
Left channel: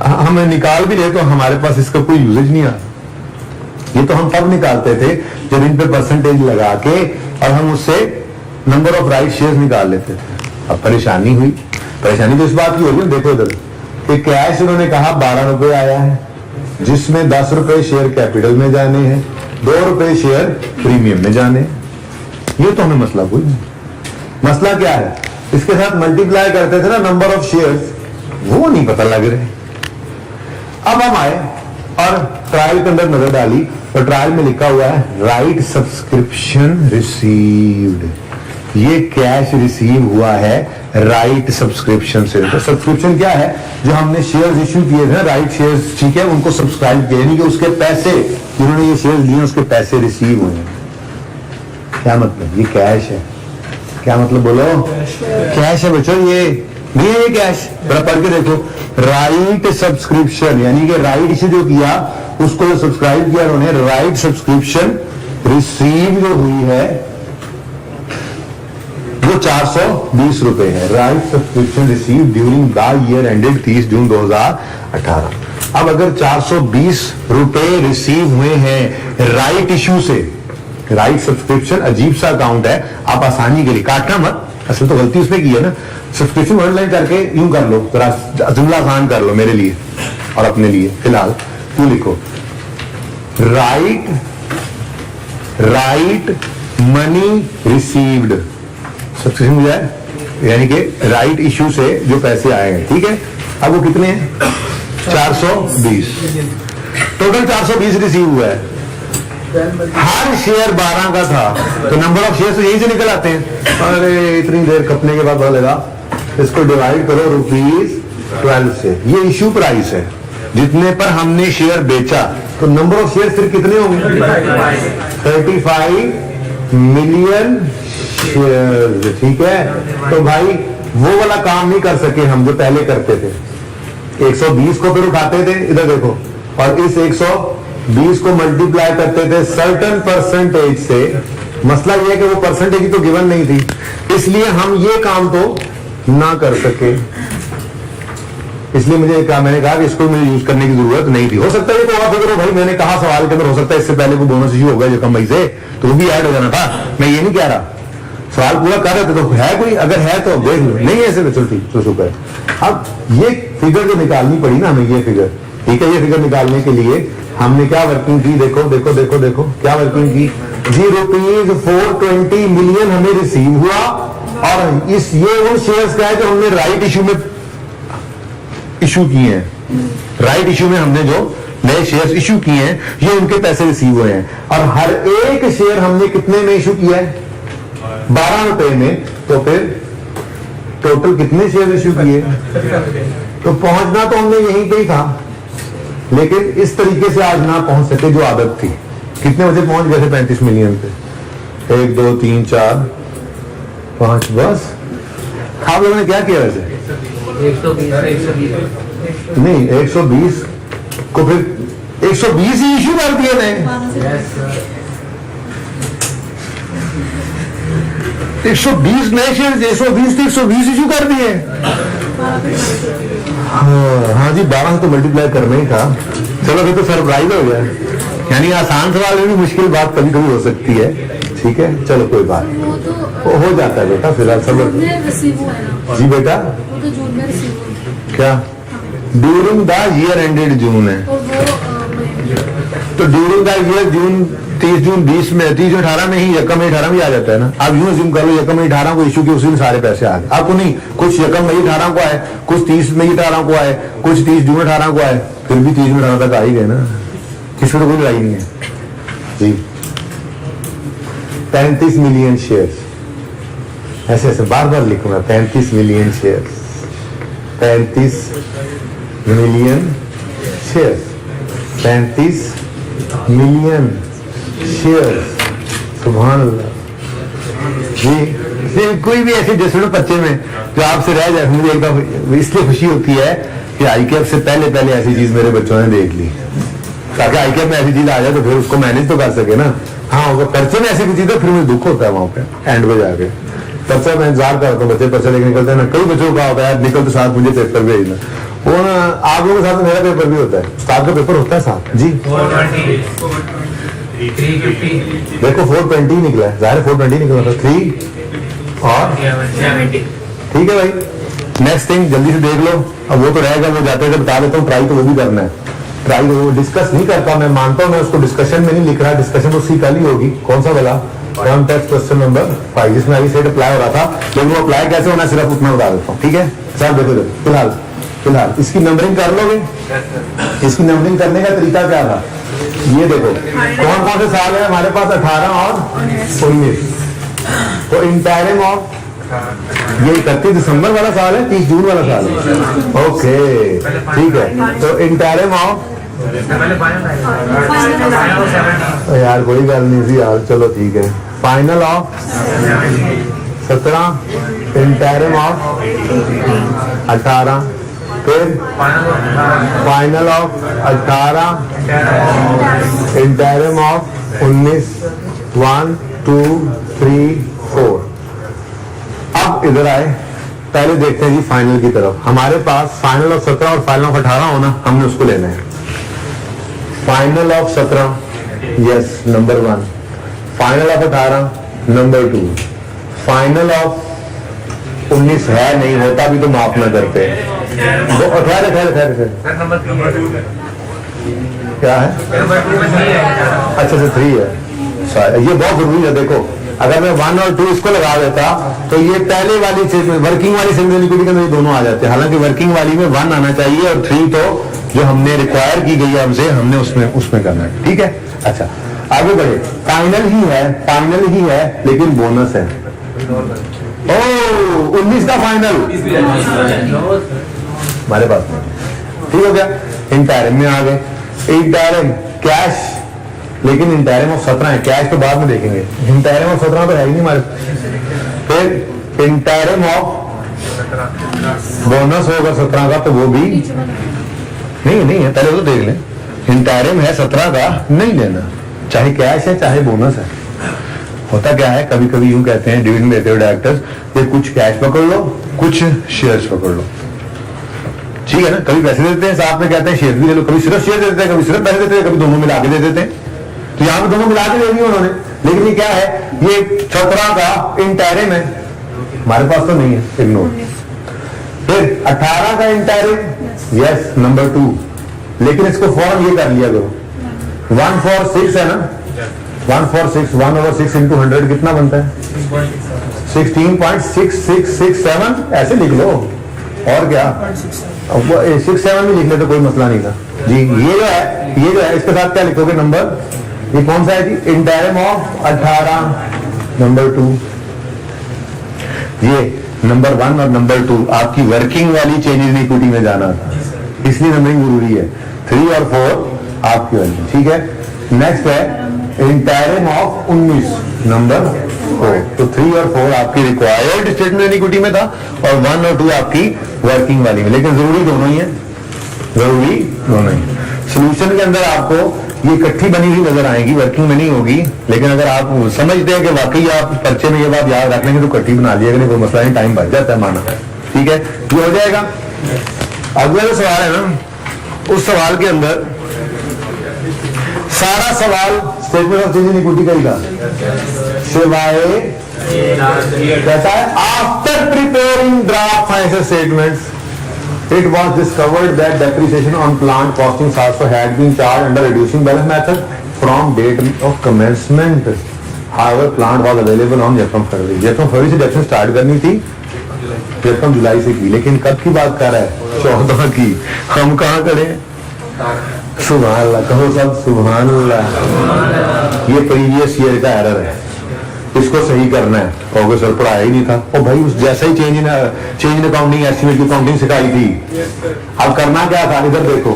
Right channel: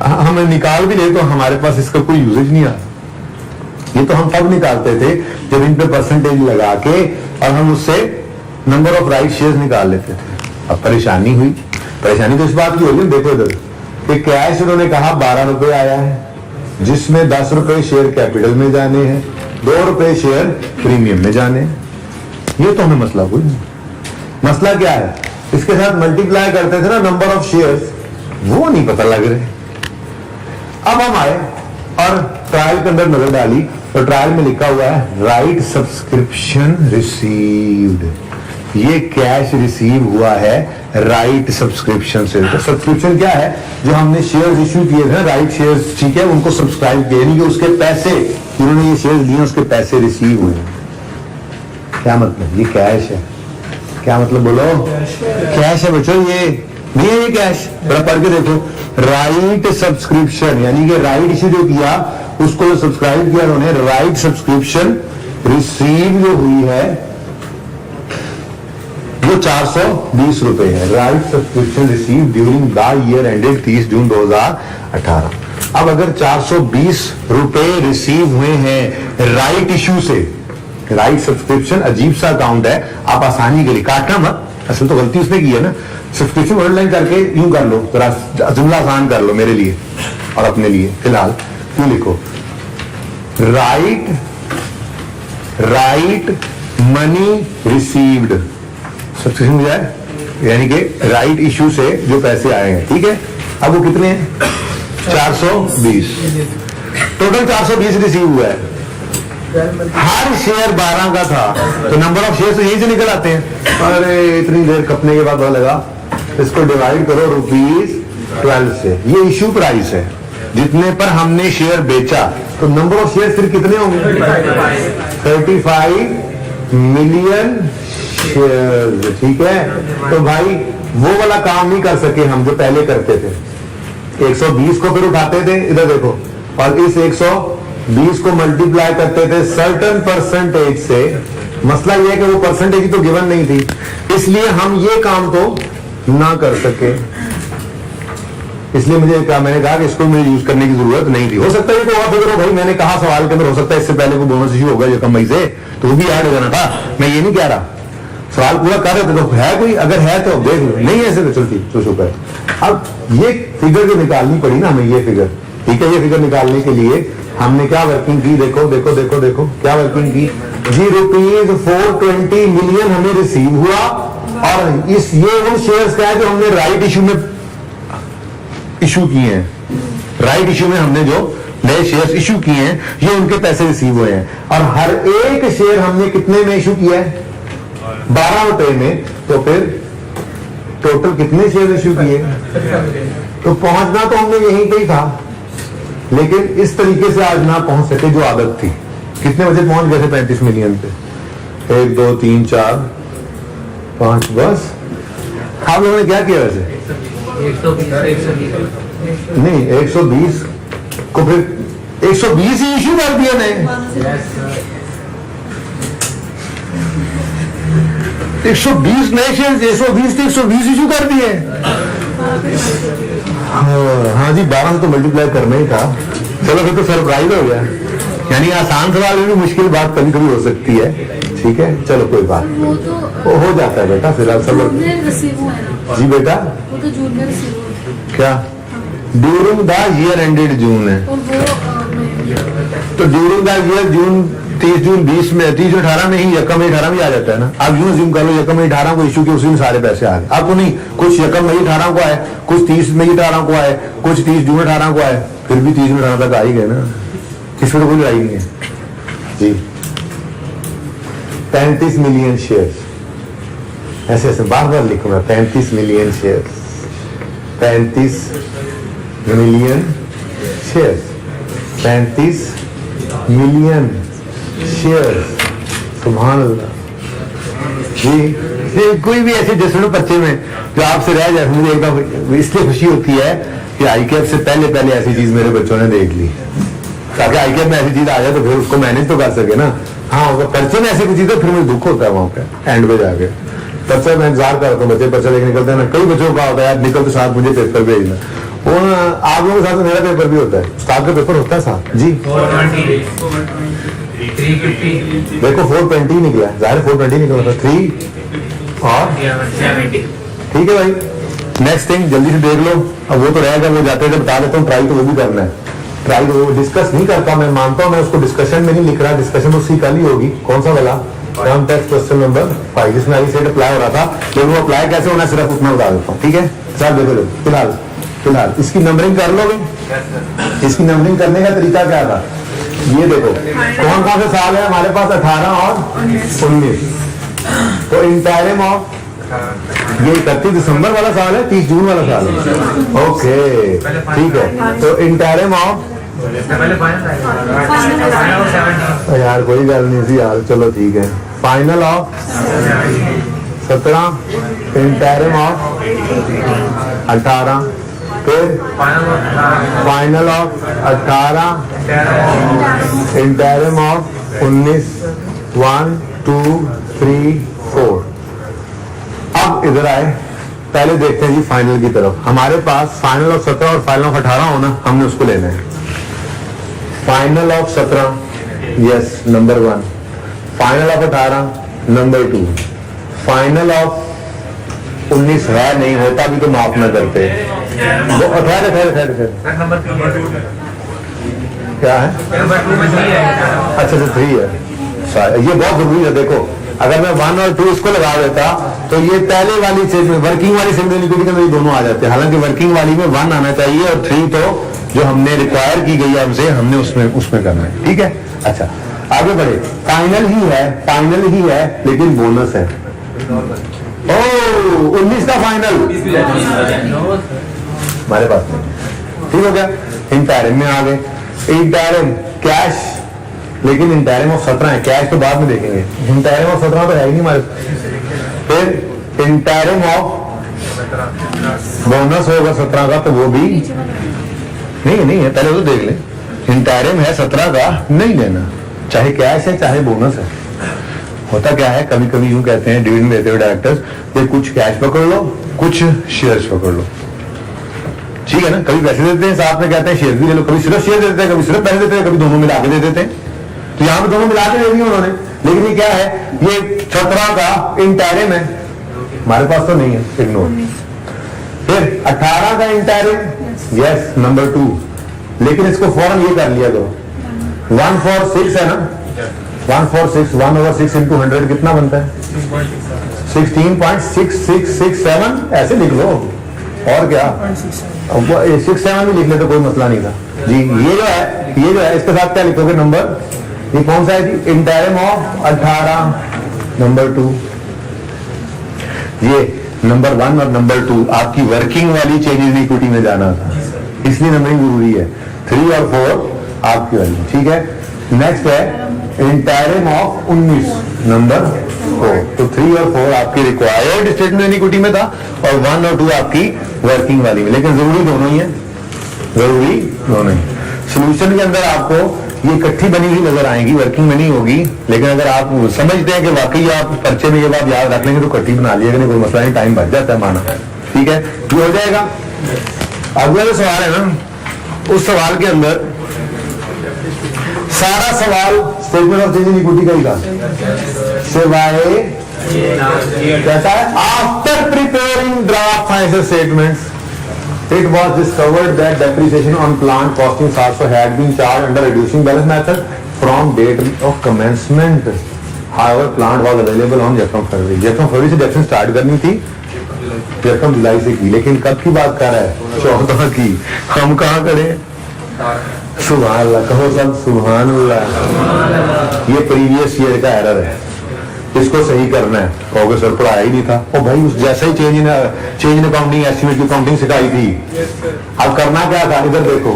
हमें निकाल भी ले तो हमारे पास इसका कोई यूजेज नहीं आता। ये तो हम तब निकालते थे जब इन पे परसेंटेज लगा के और हम उससे नंबर ऑफ राइट शेयर्स निकाल लेते थे। अब परेशानी हुई, परेशानी तो इस बात की होगी, देखो इधर कि कैश उन्होंने कहा 12 रुपए आया है, जिसमें 10 रुपए शेयर कैपिटल में जाने हैं, 2 रुपए शेयर प्रीमियम में जाने। ये तो हमें मसला कोई नहीं। मसला क्या है, इसके साथ मल्टीप्लाई करते थे ना नंबर ऑफ शेयर्स, वो नहीं पता लग रहे। अब हम आए और ट्रायल के अंदर नजर डाली, तो ट्रायल में लिखा हुआ है राइट सब्सक्रिप्शन रिसीव्ड, ये कैश रिसीव हुआ है राइट सब्सक्रिप्शन से। तो सब्सक्रिप्शन क्या है, जो हमने शेयर्स इश्यू किए थे, राइट शेयर्स, ठीक है, उनको सब्सक्राइब किया, यानी कि उसके पैसे, जिन्होंने ये शेयर्स लिए उसके पैसे रिसीव हुए। क्या मतलब, ये कैश है। क्या मतलब बोलो, कैश है बच्चों, ये नहीं है, ये कैश। जरा पढ़ के देखो, राइट सब्सक्रिप्शन, यानी कि राइट इश्यू जो किया उसको जो सब्सक्राइब किया उन्होंने, राइट सब्सक्रिप्शन रिसीव जो हुई है वो 420 रुपए है। Right subscription receive during the year ended 30 जून 2018। अब अगर 420 रुपए रिसीव हुए हैं राइट इश्यू से, राइट सब्सक्रिप्शन अजीब सा अकाउंट है, आप आसानी के लिए काटना मत, असल तो गलती उसने की है ना, सब्सक्रिप्शन ऑनलाइन करके यूं कर लो, जरा जुमला आसान कर लो मेरे लिए और अपने लिए फिलहाल। क्यों लिखो राइट मनी रिसीव्ड, सब्सक्रिप्शन हो जाए, यानी कि राइट इश्यू से जो पैसे आए हैं, ठीक है। अब वो कितने हैं, 420, टोटल 420 रिसीव हुआ है। हर शेयर 12 का था, तो नंबर ऑफ शेयर तो यहीं से निकल आते हैं। अरे इतनी देर कपने के बाद पता लगा, इसको डिवाइड करो ₹12 से, ये इश्यू प्राइस है जितने पर हमने शेयर बेचा, तो नंबर ऑफ शेयर फिर कितने होंगे, 35 मिलियन शेयर, ठीक है। तो भाई वो वाला काम नहीं कर सके हम जो पहले करते थे, 120 को फिर उठाते थे, इधर देखो, और इस 120 को मल्टीप्लाई करते थे सर्टेन परसेंटेज से। मसला यह है कि वो परसेंटेज तो गिवन नहीं थी, इसलिए हम ये काम तो ना कर सके, इसलिए मैंने कहा कि इसको मुझे यूज करने की जरूरत नहीं थी। हो सकता है ये तो और फिक्र हो भाई, मैंने कहा सवाल के अंदर, हो सकता है इससे पहले कोई बोनस इश्यू होगा जो कम मई से, तो वो भी ऐड हो जाना था, मैं ये नहीं कह रहा, सवाल पूरा कर रहे थे, तो है कोई, अगर है तो देख लो, नहीं ऐसे तो चलती तो शुक्र है। अब ये फिगर जो निकालनी पड़ी ना हमें, ये फिगर, ठीक है, ये फिगर निकालने के लिए हमने क्या वर्किंग की, देखो देखो देखो देखो क्या वर्किंग की, ₹420 मिलियन हमें रिसीव हुआ, और इस ये वो शेयर्स का है जो हमने राइट इश्यू में इशू किए हैं, राइट इश्यू में हमने जो नए शेयर्स इशू किए हैं, ये उनके पैसे रिसीव हुए हैं, और हर एक शेयर हमने कितने में इशू किया है, 12 रुपए में, तो फिर टोटल कितने शेयर इशू किए, तो पहुंचना तो हमने यहीं पे ही था, लेकिन इस तरीके से आज ना पहुंच सके जो आदत थी। कितने बजे पहुंच गए थे 35 मिलियन पे, 1 2 3 4 5, बस। आप लोगों ने क्या किया वैसे, 120 नहीं, 120 को फिर 120 ही इशू कर दिया नहीं, 120 नए शेयर, 120 थे, 120 इशू कर दिए। हाँ जी, 12 से तो मल्टीप्लाई करना ही था। चलो फिर तो सरप्राइज हो गया, यानी आसान सवाल में भी मुश्किल बात कभी कभी हो सकती है, ठीक है, चलो कोई बात नहीं, वो हो जाता है बेटा, फिलहाल सब जी बेटा, वो तो जून में रिसीव हुआ। क्या ड्यूरिंग द ईयर एंडेड जून है, और वो तो ड्यूरिंग दैट ईयर जून 30 जून 20 में 30 जून 18 में ही यकम मई 18 में आ जाता है ना। आप यूं अज्यूम कर लो यकम मई 18 को इशू के उसी में सारे पैसे आ गए आपको, नहीं कुछ यकम मई 18 को आए, कुछ 30 मई 18 को आए, कुछ 30 जून 18 को आए, फिर भी 30 जून 18 तक आ ही गए ना, इसमें तो कोई लड़ाई नहीं है जी। 35 मिलियन शेयर्स, ऐसे ऐसे बार बार लिखूंगा, 35 million shares, 35 million shares, 35 million shares, सुभान अल्लाह जी। कोई भी ऐसे जैसे पर्चे में जो आपसे रह जाए, मुझे एक बार इसलिए खुशी होती है कि आईकेएफ से पहले ऐसी चीज मेरे बच्चों ने देख ली, ताकि आईकेएफ में ऐसी चीज आ जाए तो फिर उसको मैनेज तो कर सके ना। हाँ वो पर्चे में ऐसी कोई चीज है फिर मुझे दुख होता है वहां पे एंड पे जाके। पर्चा मैं इंतजार करता हूँ, बच्चे पर्चा लेके निकलते हैं ना, कई बच्चों का होता है यार निकल तो साथ मुझे पेपर भेजना, वो आप लोगों के साथ मेरा पेपर भी होता है, साथ का पेपर होता है साथ जी। 350 देखो 420 निकला है, जाहिर 420 निकला था, 3 और ठीक है भाई। नेक्स्ट थिंग जल्दी से देख लो, अब वो तो रहेगा, वो जाते बता देता हूँ, ट्राई तो वो भी करना है, ट्राई तो वो डिस्कस नहीं करता, मैं मानता हूँ मैं उसको डिस्कशन में नहीं लिख रहा, डिस्कशन तो कल ही होगी। कौन सा वाला टर्म टैक्स क्वेश्चन नंबर 5 जिसमें अभी सेट अप्लाई हो रहा था, लेकिन वो अप्लाई कैसे होना सिर्फ उतना बता देता हूँ, ठीक है सर। देखो फिलहाल इसकी नंबरिंग कर लोगे। इसकी नंबरिंग करने का तरीका क्या था, ये देखो कौन कौन से साल है हमारे पास, 18 और 19, तो इंटायरम ऑफ ये 31 दिसंबर वाला साल है, 30 जून वाला साल है, ओके ठीक है। तो इंटायरम ऑफ यार कोई गल नहीं थी यार, चलो ठीक है। फाइनल ऑफ 17, इंटायरम ऑफ 18, फिर फाइनल ऑफ 18, इंटायरम ऑफ 19, 1 2 3 4। अब इधर आए, पहले देखते हैं जी फाइनल की तरफ। हमारे पास फाइनल ऑफ 17 और फाइनल ऑफ 18 होना, हमने उसको लेना है। Final of 17 yes number 1, final of 18 number 2, final of 19 है नहीं, होता भी तो माफ न करते। क्या है, अच्छा 3 है, ये बहुत जरूरी है। देखो अगर मैं 1 और 2 इसको लगा देता तो ये पहले वाली चीज में वर्किंग वाली सिंगल इक्विटी के अंदर ये दोनों आ जाते हैं, हालांकि वर्किंग वाली में 1 आना चाहिए और 3 तो जो हमने रिक्वायर की गई है हमसे, हमने उसमें करना है, ठीक है। अच्छा आगे बढ़े, फाइनल ही है लेकिन बोनस है। ओ 19 का फाइनल हमारे पास नहीं, ठीक हो गया। इंटायरम में आ गए, इंटायरम कैश, लेकिन इंटायरम ऑफ 17 है, कैश तो बाद में देखेंगे, इंटायरम ऑफ 17 तो है ही नहीं हमारे। फिर इंटायरम ऑफ बोनस होगा 17 का, तो वो भी नहीं है, पहले तो देख लें। इंटायरम है 17 का, नहीं लेना, चाहे कैश है चाहे बोनस है। होता क्या है, कभी कभी यूं कहते हैं डिविडेंड देते हुए डायरेक्टर्स, ये कुछ कैश पकड़ लो कुछ शेयर्स पकड़ लो, ठीक है ना। कभी पैसे देते हैं साथ में कहते हैं शेयर भी ले लो, कभी सिर्फ शेयर देते हैं, कभी सिर्फ पैसे देते हैं, कभी दोनों मिला के दे देते हैं। तो यहाँ पे दोनों मिला के दे दिए उन्होंने, लेकिन ये क्या है, ये 17 का इंटायरम है, हमारे पास तो नहीं है, इग्नोर। फिर 18 का इंटायरम यस नंबर 2, लेकिन इसको फौरन ये कर लिया करो, 1 for 6 है ना, 1 for 6, 1/6 into 100 कितना बनता है, 16.6667, ऐसे लिख लो और क्या, अब 67 भी लिख ले तो कोई मसला नहीं था जी। ये जो है इसके साथ क्या लिखोगे नंबर, ये कौन सा है जी, इंटायरम ऑफ 18 नंबर 2, ये नंबर 1 और नंबर 2 आपकी वर्किंग वाली चेंज इन इक्विटी में जाना था, इसलिए नंबरिंग जरूरी है। 3 और 4 आपकी वाली, ठीक है। नेक्स्ट है इंटायरम ऑफ 19 नंबर 4, तो 3 और 4 आपकी रिक्वायर्ड स्टेटमेंट इन इक्विटी में था और 1 और 2 आपकी वर्किंग वाली में, लेकिन जरूरी दोनों ही है, जरूरी दोनों ही। सोल्यूशन के अंदर आपको ये इकट्ठी बनी हुई नजर आएगी, वर्किंग में नहीं होगी, लेकिन अगर आप समझते हैं कि वाकई आप पर्चे में ये बात याद रख लेंगे तो इकट्ठी बना लिएगा, नहीं कोई मसला नहीं, टाइम बच जाता है माना, ठीक है, ये हो जाएगा। अगला जो सवाल है ना, उस सवाल के अंदर सारा सवाल statement of change in equity का ही था, सिवाय कहता है after preparing draft financial statements It was discovered that depreciation on plant costings also had been charged under reducing balance method from date of commencement. However, plant was available on यकम फरवरी। यकम फरवरी से depreciation start करनी थी, यकम जुलाई से की, लेकिन कब की बात कर रहा है? 14 की। हम कहाँ खड़े? सुभान अल्लाह, कहो सब सुभान अल्लाह। ये प्रीवियस ईयर का एरर है, इसको सही करना है। कहोगे सर पढ़ाया ही नहीं था। ओ भाई, उस जैसा ही चेंज इन अकाउंटिंग एस्टिमेट की अकाउंटिंग सिखाई थी। अब करना क्या था? इधर देखो,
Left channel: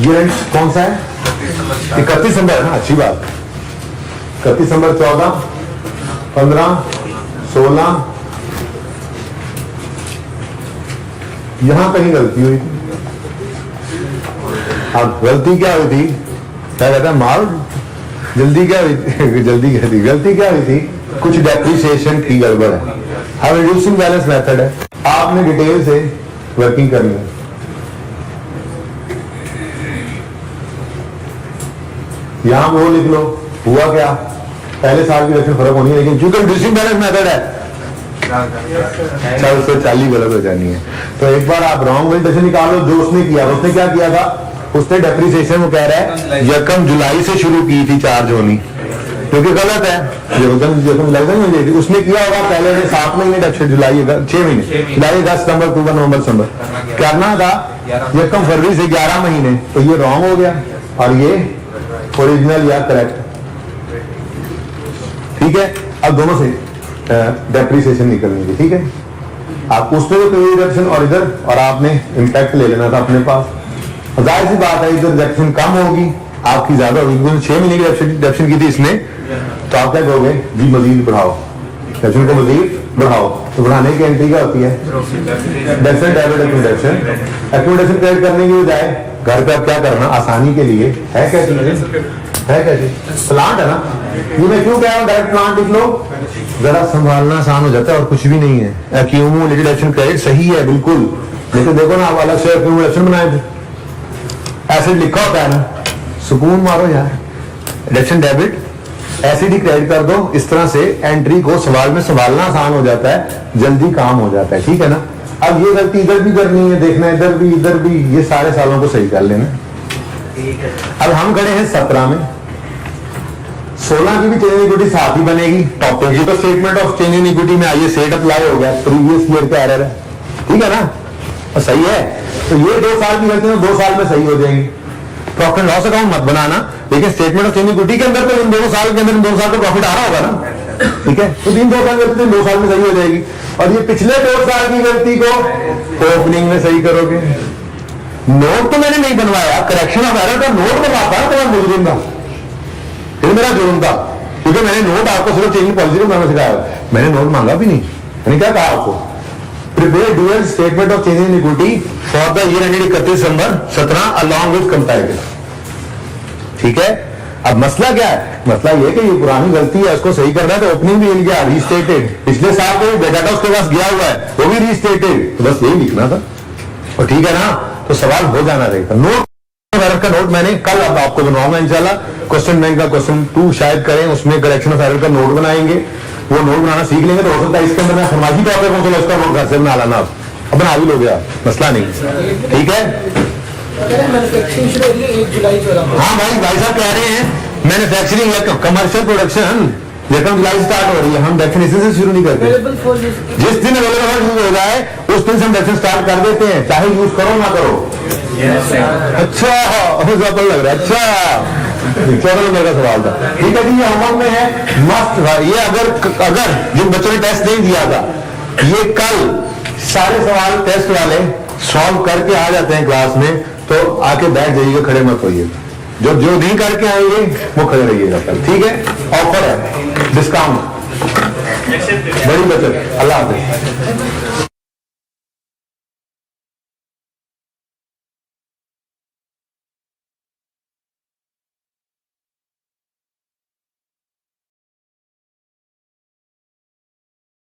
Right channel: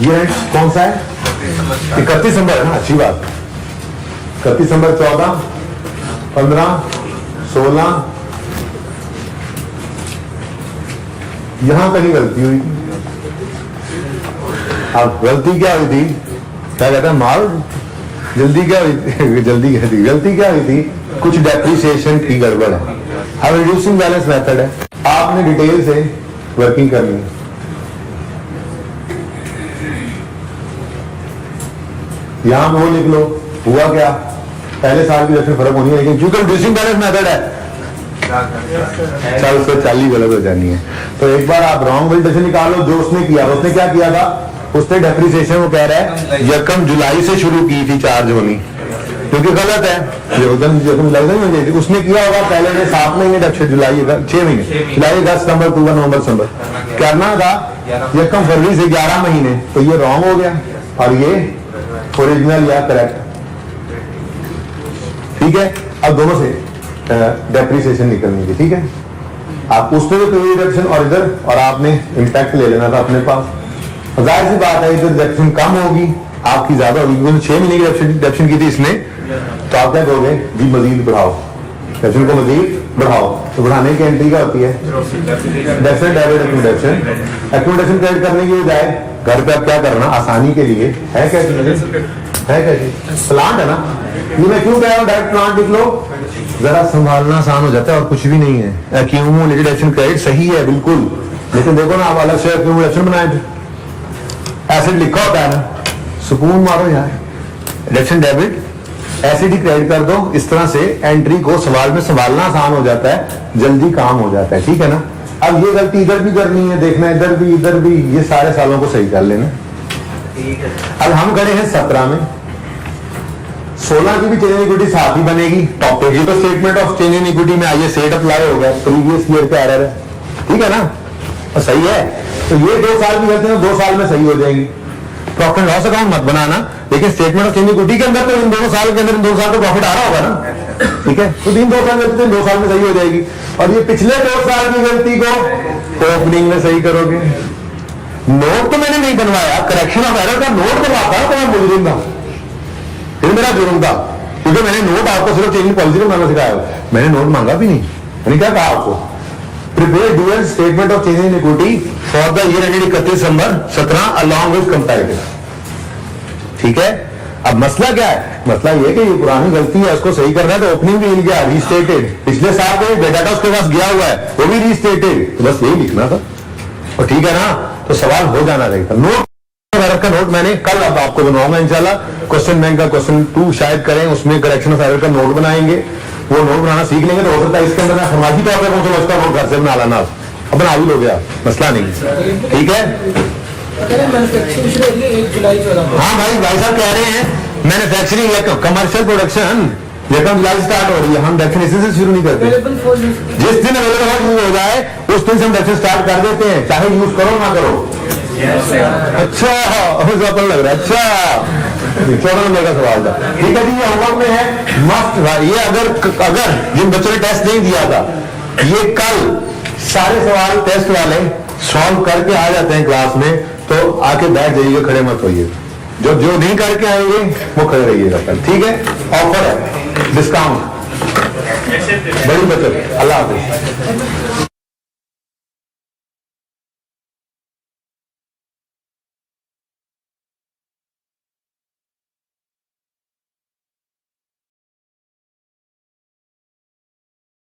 ये कौन सा है? 31 दिसंबर। हाँ, अच्छी बात। 31 दिसंबर, 14, 15, 16, यहां कहीं गलती हुई थी। अब गलती क्या हुई थी? क्या कहता है माल, जल्दी क्या हुई थी? गलती क्या हुई थी? कुछ डेप्रिसिएशन की गड़बड़ है। अब रिड्यूसिंग बैलेंस मेथड है, आपने डिटेल से वर्किंग करनी है। यहां पे वो लिख लो, हुआ क्या? पहले साल की रेशन फर्क होनी है, लेकिन क्योंकि रिड्यूसिंग बैलेंस मेथड है, चल उससे चाली गलत हो जानी है। तो एक बार आप रॉन्ग वैल्यूएशन निकालो। जो उसने किया, उसने क्या किया था? उसने डेप्रिसिएशन, वो कह रहा है यकम जुलाई से शुरू की थी चार्ज होनी, क्योंकि गलत है। यकम जुलाई से नहीं हो जाती। उसने किया होगा पहले ने 7 महीने डेप्रिसिएशन, जुलाई 6 महीने, जुलाई 10 सितंबर, अक्टूबर, नवंबर, दिसंबर करना था। यकम फरवरी से 11 महीने, तो ये रॉन्ग हो गया और ये ओरिजिनल या करेक्ट। ठीक है, अब दोनों से डेप्रिसिएशन निकलनी थी। ठीक है, आप उसने भी कोई रिडक्शन और इधर, और आपने इम्पैक्ट ले लेना था अपने पास। जाहिर सी बात है, इधर रिडक्शन कम होगी, आपकी ज्यादा होगी। 6 महीने की रिडक्शन की थी इसने, तो आप क्या कहोगे जी? मजीद बढ़ाओ, रिडक्शन को मजीद बढ़ाओ। तो बढ़ाने की एंट्री क्या होती है? Definite debit accumulation. Accumulation credit करने की बजाय घर पे आप क्या करना आसानी के लिए है, कैसे है, कैसे प्लांट है ना। ये मैं क्यों कह रहा हूँ डायरेक्ट प्लांट लिख लो, जरा संभालना आसान हो जाता है और कुछ भी नहीं है। एक्यूमुलेटेड एक्शन क्रेडिट सही है बिल्कुल, लेकिन देखो ना, आप अलग से एक्यूमुलेशन बनाए थे, एसिड लिखा होता है ना, सुकून मारो यार। रिडक्शन डेबिट एसिड ही क्रेडिट कर दो, इस तरह से एंट्री को सवाल में संभालना आसान हो जाता है, जल्दी काम हो जाता है। ठीक है ना। अब ये गलती इधर भी करनी है, देखना इधर भी, ये सारे सालों को सही कर लेना। अब हम खड़े हैं 17 में, 16 की भी चेंज इन इक्विटी साथ ही बनेगी। टॉपिक की तो statement of change in equity में आइए सेट अप्लाई हो गया, प्रीवियस ईयर का एरर है। ठीक है ना, और सही है। तो ये 2 साल की गलती 2 साल में सही हो जाएंगी। प्रॉफिट एंड लॉस अकाउंट मत बनाना, लेकिन statement of change in equity के अंदर तो इन 2 साल के अंदर, इन 2 साल को प्रॉफिट आ रहा होगा ना। ठीक है, तो 2 साल गलती 2 साल में सही हो जाएगी। और ये पिछले 2 साल की गलती को ओपनिंग में सही करोगे। नोट तो मैंने नहीं बनवाया, करेक्शन ऑफ एरर का नोट बनवाता तो मैं मुजरिम था, फिर मेरा जुर्म था, क्योंकि मैंने नोट आपको सिर्फ चेंज पॉलिसी को बनाना सिखाया, मैंने नोट मांगा भी नहीं। मैंने क्या कहा आपको? Prepare dual statement of change in equity for the year ended 31 December 17 along with comparative. ठीक है, अब मसला क्या है? मसला ये कि ये पुरानी गलती है, उसको सही करना है, तो ओपनिंग भी मिल गया, रीस्टेटेड। पिछले साल का डाटा उसके पास गया हुआ है, वो भी रीस्टेटेड। तो बस यही लिखना था, और ठीक है ना, तो सवाल हो जाना रहेगा। नोट का नोट मैंने कल अब आपको बनवाऊंगा इंशाल्लाह। क्वेश्चन बैंक का क्वेश्चन 2 शायद करें, उसमें करेक्शन ऑफ एरर का नोट बनाएंगे। वो नोट बनाना सीख लेंगे तो हो सकता है इसके अंदर मैं फरमाइशी तौर पर पहुंचूंगा, उसका नोट घर से बना लाना, अब बना भी लोगे, मसला नहीं। ठीक है, हाँ भाई साहब कह रहे हैं मैन्युफैक्चरिंग या कमर्शियल प्रोडक्शन लेकिन जुलाई स्टार्ट हो रही है, हम डेफिनेशन से शुरू नहीं करते। जिस दिन अवेलेबल हो जाए उस दिन से हम डेफिनेशन स्टार्ट कर देते हैं, चाहे यूज करो ना करो। अच्छा, लग रहा है। अच्छा, 14 नंबर का सवाल था। ठीक है जी, ये होमवर्क में है मस्ट। ये अगर जिन बच्चों ने टेस्ट नहीं दिया था, ये कल सारे सवाल टेस्ट वाले सॉल्व करके आ जाते हैं क्लास में, तो आके बैठ जाइएगा, खड़े मत होइएगा। जो नहीं करके आएंगे वो खड़े रहिएगा कल। ठीक है, ऑफर है, डिस्काउंट, बड़ी बचत। अल्लाह हाफिज।